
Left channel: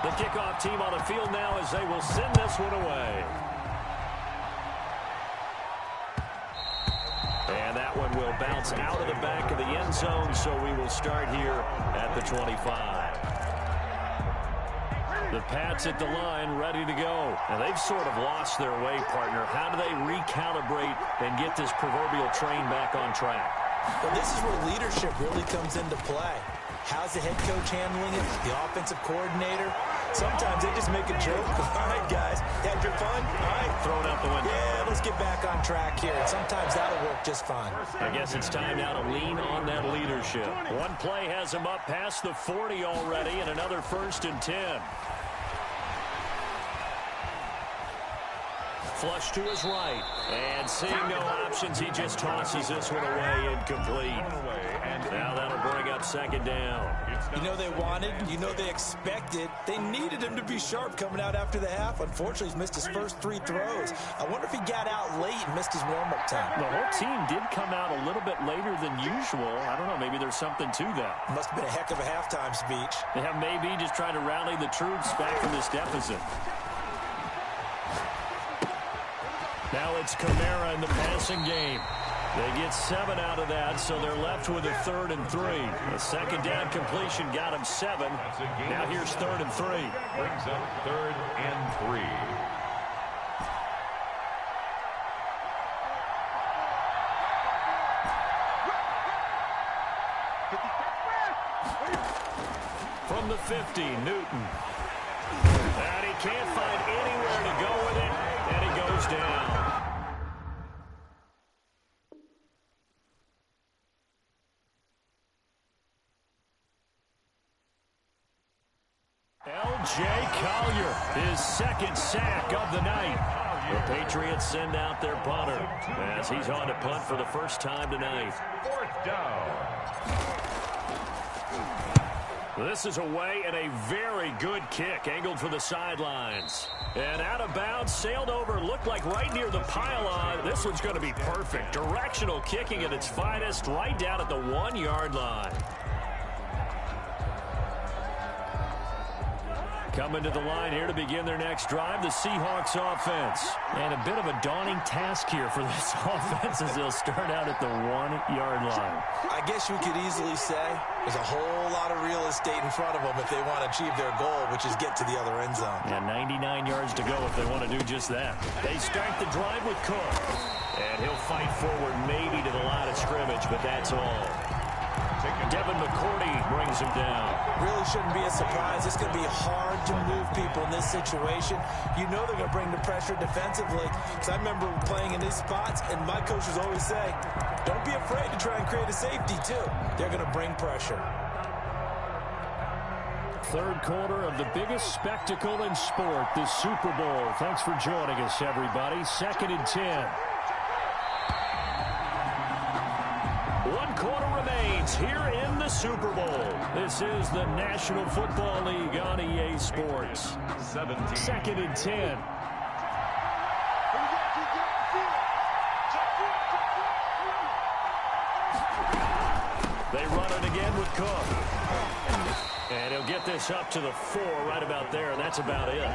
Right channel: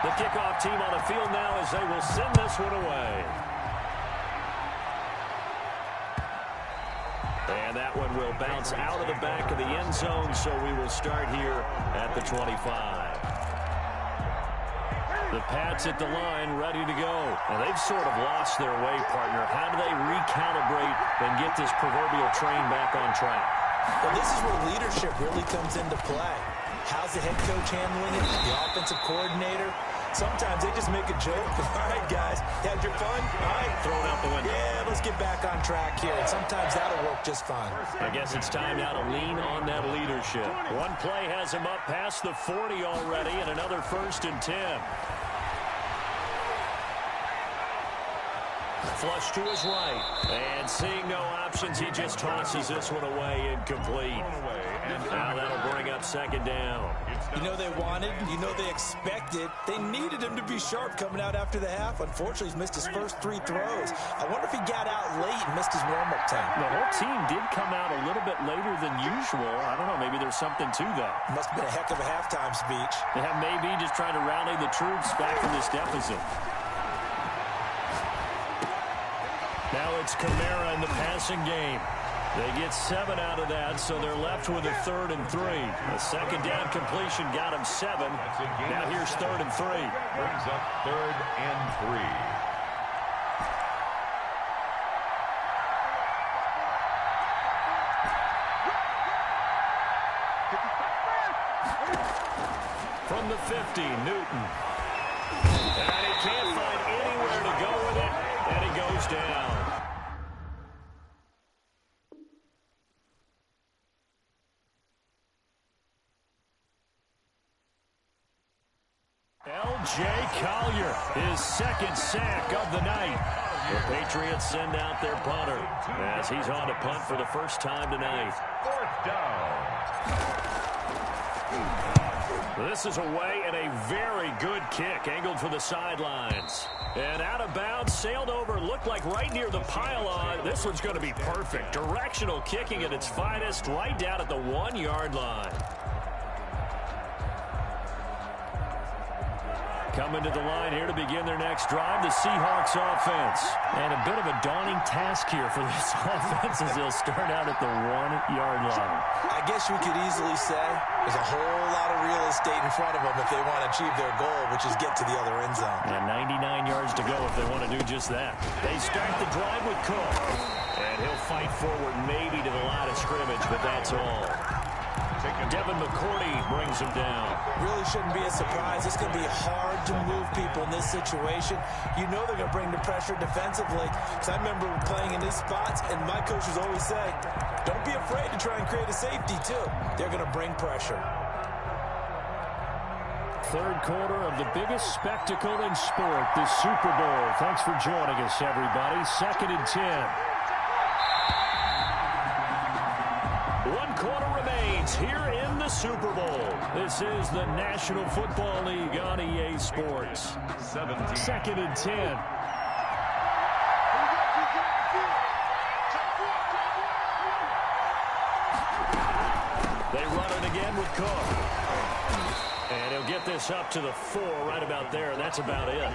The kickoff team on the field now as they will send this one away. And that one will bounce out of the back of the end zone, so we will start here at the 25. The Pats at the line, ready to go. And they've sort of lost their way, partner. How do they recalibrate and get this proverbial train back on track? Well, this is where leadership really comes into play. How's the head coach handling it? The offensive coordinator? Sometimes they just make a joke. All right, guys, had your fun? All right. Throw it out the window. Yeah, let's get back on track here. And sometimes that'll work just fine. I guess it's time now to lean on that leadership. One play has him up past the 40 already, and another 1st and 10. Flush to his right. And seeing no options, he just tosses this one away incomplete. Now that'll bring up second down. You know they wanted, you know they expected. They needed him to be sharp coming out after the half. Unfortunately, he's missed his first 3 throws. I wonder if he got out late and missed his warm-up time. The whole team did come out a little bit later than usual. I don't know, maybe there's something to that. Must have been a heck of a halftime speech. Yeah, maybe just trying to rally the troops back from this deficit. Now it's Kamara in the passing game. They get 7 out of that, so they're left with a 3rd and 3. A second down completion got him 7. Now here's 3rd and 3. Brings up 3rd and 3. From the 50, Newton. And he can't find anywhere to go with it, and he goes down. L.J. Collier, his second sack of the night. The Patriots send out their punter as he's on to punt for the first time tonight. 4th down. This is away and a very good kick, angled for the sidelines. And out of bounds, sailed over, looked like right near the pylon. This one's going to be perfect. Directional kicking at its finest, right down at the 1-yard line. Coming to the line here to begin their next drive, the Seahawks offense. And a bit of a daunting task here for this offense as they'll start out at the 1-yard line. I guess you could easily say there's a whole lot of real estate in front of them if they want to achieve their goal, which is get to the other end zone. And 99 yards to go if they want to do just that. They start the drive with Cook. And he'll fight forward maybe to the line of scrimmage, but that's all. Devin McCourty brings him down. Really shouldn't be a surprise. It's going to be hard to move people in this situation. You know they're going to bring the pressure defensively. Because I remember playing in these spots, and my coaches always say, don't be afraid to try and create a safety, too. They're going to bring pressure. third quarter of the biggest spectacle in sport, the Super Bowl. Thanks for joining us, everybody. 2nd and 10. 1 quarter remains here in the Super Bowl. This is the National Football League on EA Sports. 2nd and 10. They run it again with Cook. And he'll get this up to the 4 right about there. That's about it.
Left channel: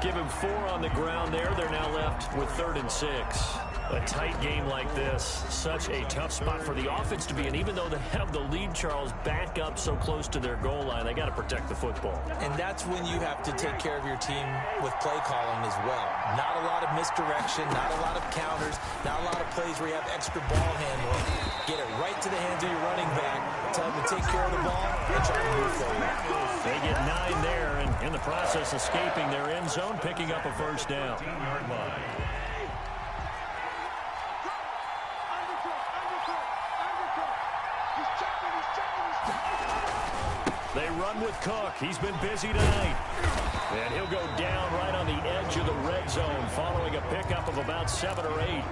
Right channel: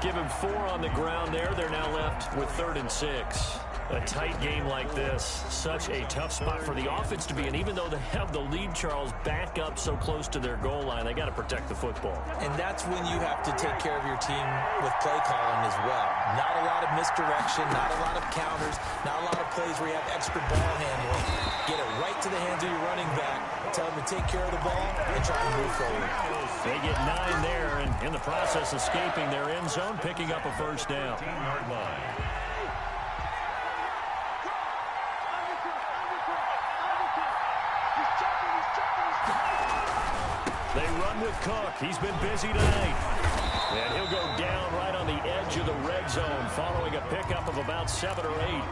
Give him 4 on the ground there. They're now left with 3rd and 6. A tight game like this, such a tough spot for the offense to be in. Even though they have the lead, Charles, back up so close to their goal line, they got to protect the football. And that's when you have to take care of your team with play calling as well. Not a lot of misdirection, not a lot of counters, not a lot of plays where you have extra ball handling. Get it right to the hands of your running back. Tell them to take care of the ball and try to move forward. They get 9 there, and in the process escaping their end zone, picking up a first down. 15-yard line. They run with Cook. He's been busy tonight. And he'll go down right on the edge of the red zone following a pickup of about 7 or 8.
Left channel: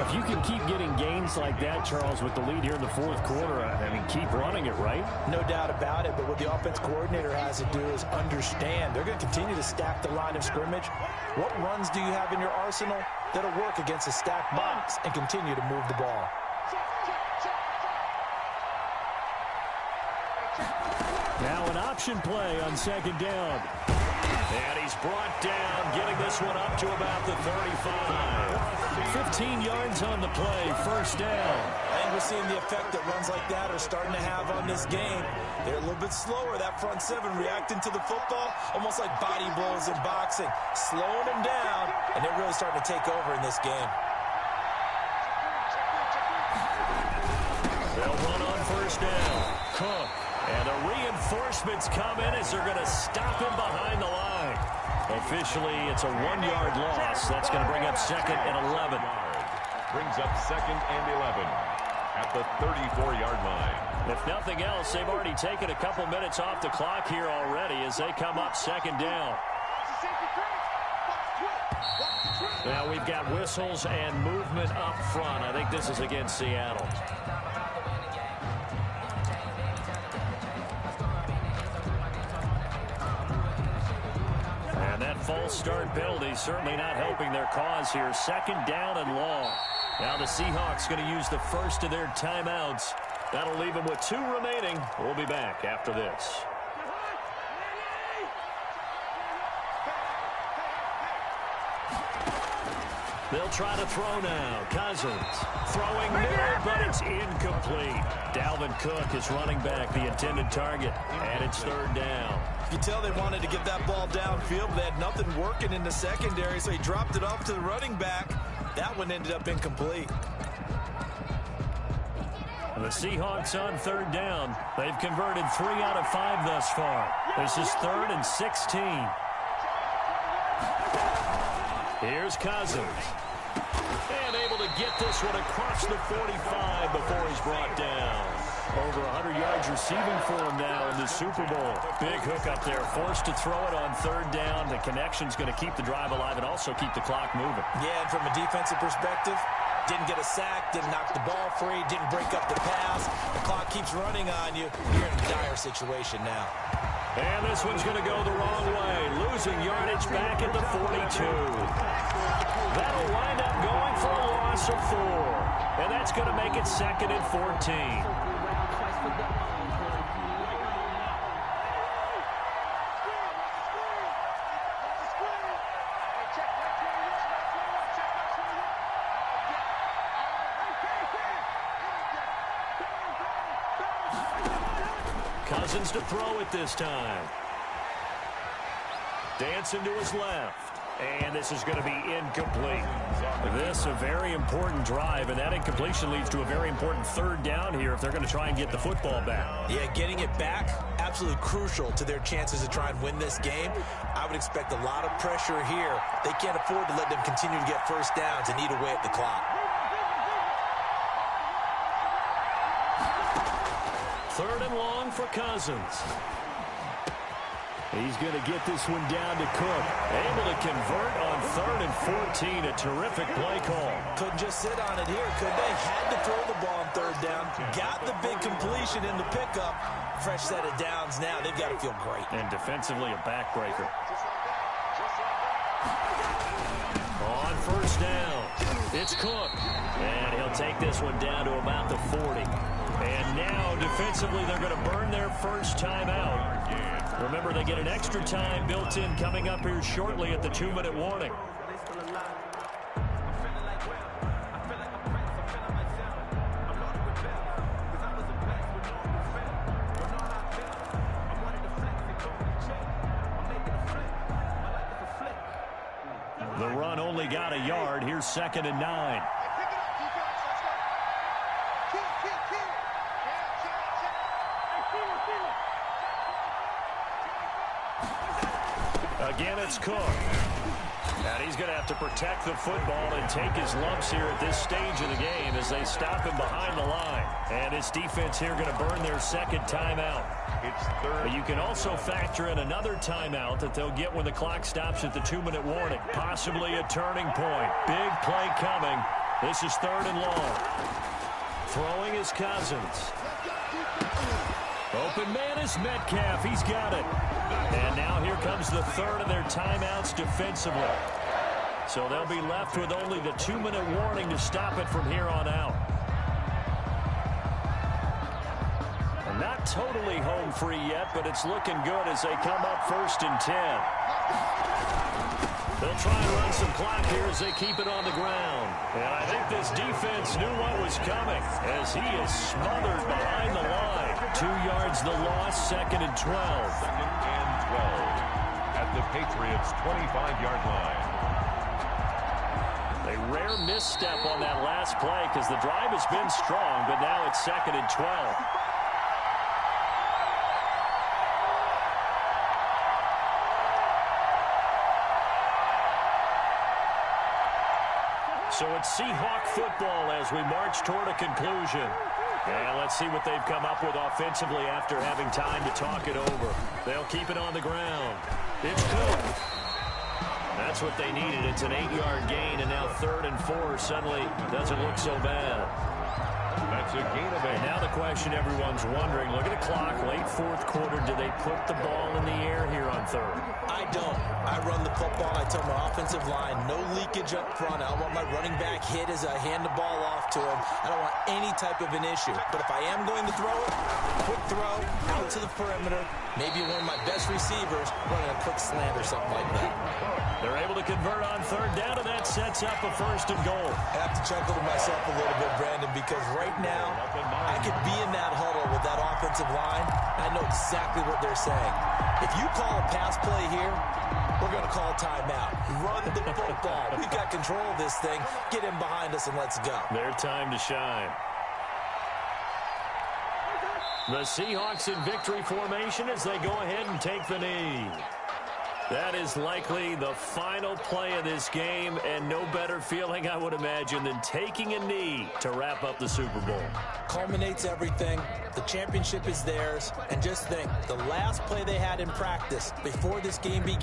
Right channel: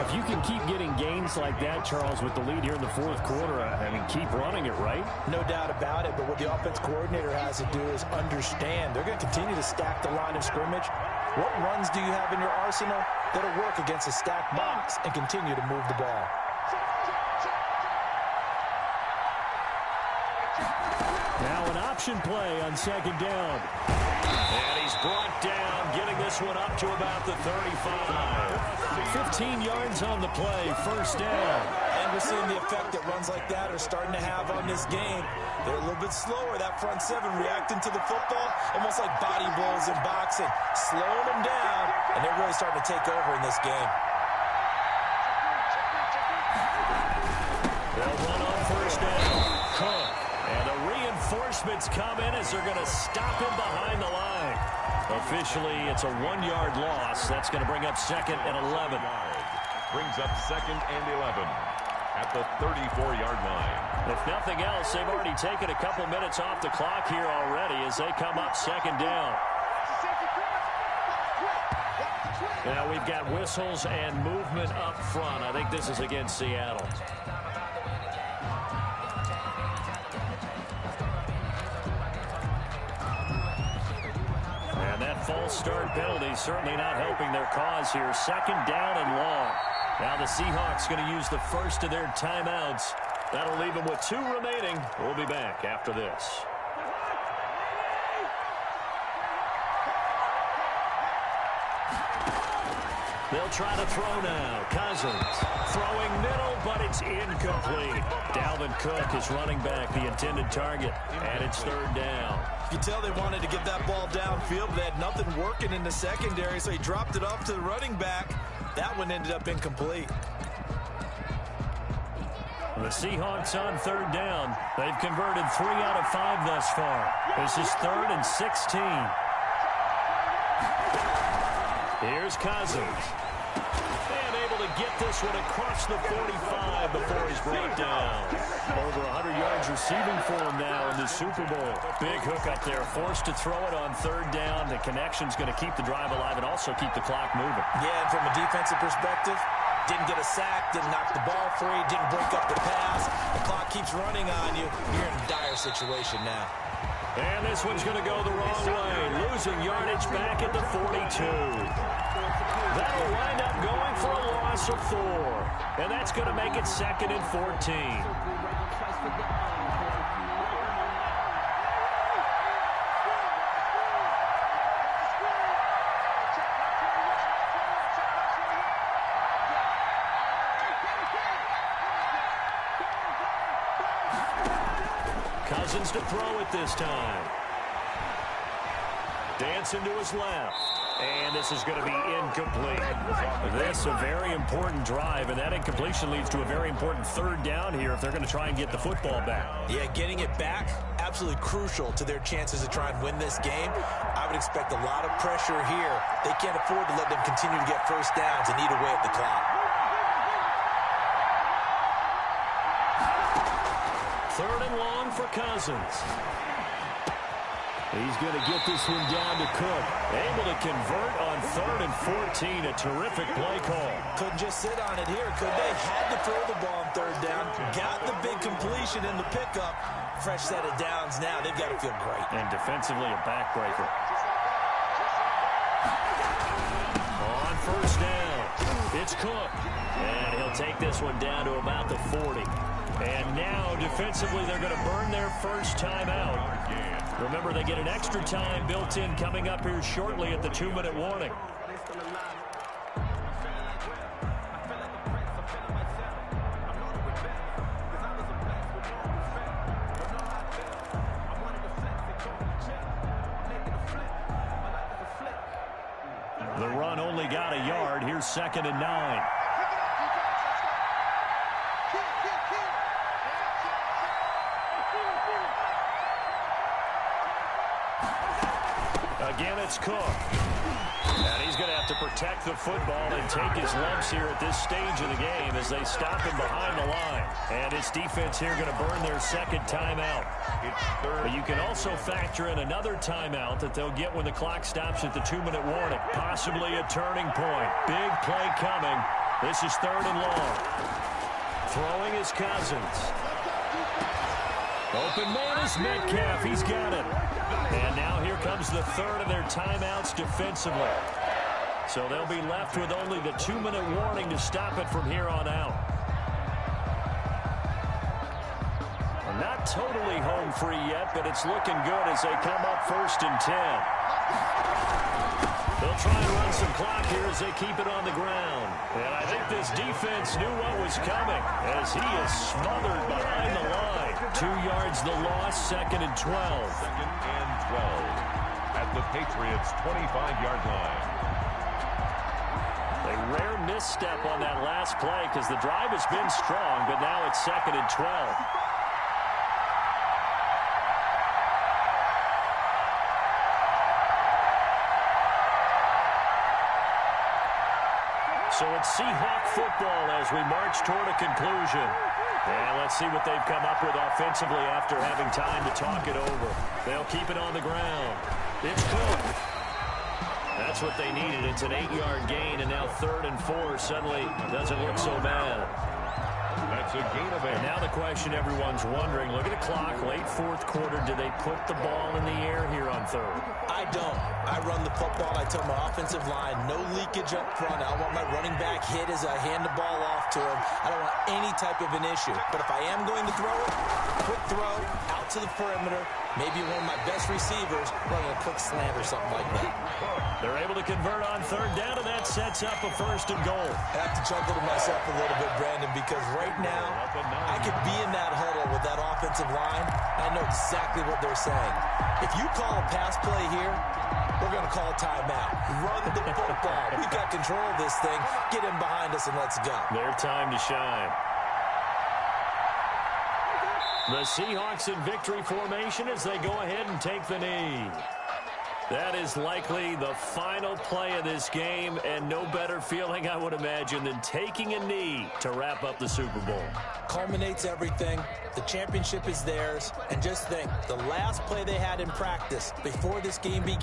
If you can keep getting gains like that, Charles, with the lead here in the 4th quarter, I mean, keep running it, right? No doubt about it, but what the offense coordinator has to do is understand they're going to continue to stack the line of scrimmage. What runs do you have in your arsenal that'll work against a stacked box and continue to move the ball? Now an option play on 2nd down. And he's brought down, getting this one up to about the 35. 15 yards on the play, 1st down. I think we're seeing the effect that runs like that are starting to have on this game. They're a little bit slower, that front 7, reacting to the football, almost like body blows in boxing, slowing them down, and they're really starting to take over in this game. They'll run on 1st down. Cook. And the reinforcements come in as they're going to stop him behind the line. Officially, it's a 1-yard loss. That's going to bring up 2nd and 11. Brings up 2nd and 11 at the 34-yard line. If nothing else, they've already taken a couple minutes off the clock here already as they come up 2nd down. Now we've got whistles and movement up front. I think this is against Seattle. And that false start penalty certainly not helping their cause here. 2nd down and long. Now the Seahawks going to use the first of their timeouts. That'll leave them with 2 remaining. We'll be back after this. They'll try to throw now. Cousins throwing middle, but it's incomplete. Dalvin Cook is running back, the intended target, and it's 3rd down. You tell they wanted to get that ball downfield, but they had nothing working in the secondary, so he dropped it off to the running back. That one ended up incomplete. The Seahawks on 3rd down. They've converted 3 out of 5 thus far. This is 3rd and 16. Here's Cousins. And able to get this one across the 45 before he's brought down. Over 100 yards receiving for him now in the Super Bowl. Big hook up there. Forced to throw it on 3rd down. The connection's going to keep the drive alive and also keep the clock moving. Yeah, and from a defensive perspective, didn't get a sack, didn't knock the ball free, didn't break up the pass. The clock keeps running on you. You're in a dire situation now. And this one's going to go the wrong way. Losing yardage back at the 42. That'll wind up going for a loss of 4. And that's going to make it 2nd and 14. Cousins to throw it this time. Dancing to his left. And this is going to be incomplete. This a very important drive, and that incompletion leads to a very important 3rd down here if they're going to try and get the football back. Yeah, getting it back, absolutely crucial to their chances to try and win this game. I would expect a lot of pressure here. They can't afford to let them continue to get first downs and eat away at the clock. 3rd and long for Cousins. He's going to get this one down to Cook. Able to convert on 3rd and 14. A terrific play call. Couldn't just sit on it here, could they? Had to throw the ball on 3rd down. Got the big completion in the pickup. Fresh set of downs now. They've got to feel great. And defensively, a backbreaker. On 1st down, it's Cook. And he'll take this one down to about the 40. And now, defensively, they're going to burn their first timeout. Remember, they get an extra time built in coming up here shortly at the 2-minute warning. The run only got a yard. Here's 2nd and 9. Again, it's Cook. And he's going to have to protect the football and take his lumps here at this stage of the game as they stop him behind the line. And his defense here going to burn their 2nd timeout. It's 3rd. But you can also factor in another timeout that they'll get when the clock stops at the 2-minute warning. Possibly a turning point. Big play coming. This is 3rd and long. Throwing is Cousins. Open man is Metcalf. He's got it. And now here comes the 3rd of their timeouts defensively. So they'll be left with only the 2-minute warning to stop it from here on out. And not totally home free yet, but it's looking good as they come up 1st and 10. They'll try and run some clock here as they keep it on the ground. And I think this defense knew what was coming as he is smothered behind the line. 2 yards the loss, 2nd and 12. 2nd and 12 at the Patriots' 25-yard line. A rare misstep on that last play because the drive has been strong, but now it's 2nd and 12. So it's Seahawk football as we march toward a conclusion. And let's see what they've come up with offensively after having time to talk it over. They'll keep it on the ground. It's Cook. That's what they needed. It's an 8-yard gain, and now 3rd and 4 suddenly doesn't look so bad. That's a gain of 8. And now the question everyone's wondering, look at the clock, late 4th quarter, do they put the ball in the air here on 3rd? I don't. I run the football. I tell my offensive line, no leakage up front. I don't want my running back hit as I hand the ball off to him. I don't want any type of an issue. But if I am going to throw it, quick throw, out to the perimeter, maybe one of my best receivers running a quick slant or something like that. They're able to convert on 3rd down, and that sets up a 1st and goal. I have to chuckle to myself a little bit, Brandon, because right now I could be in that huddle with that offensive line. I know exactly what they're saying. If you call a pass play here, we're going to call timeout. Run the football. We've got control of this thing. Get him behind us and let's go. Their time to shine. The Seahawks in victory formation as they go ahead and take the knee. That is likely the final play of this game, and no better feeling, I would imagine, than taking a knee to wrap up the Super Bowl. Culminates everything. The championship is theirs. And just think, the last play they had in practice before this game began.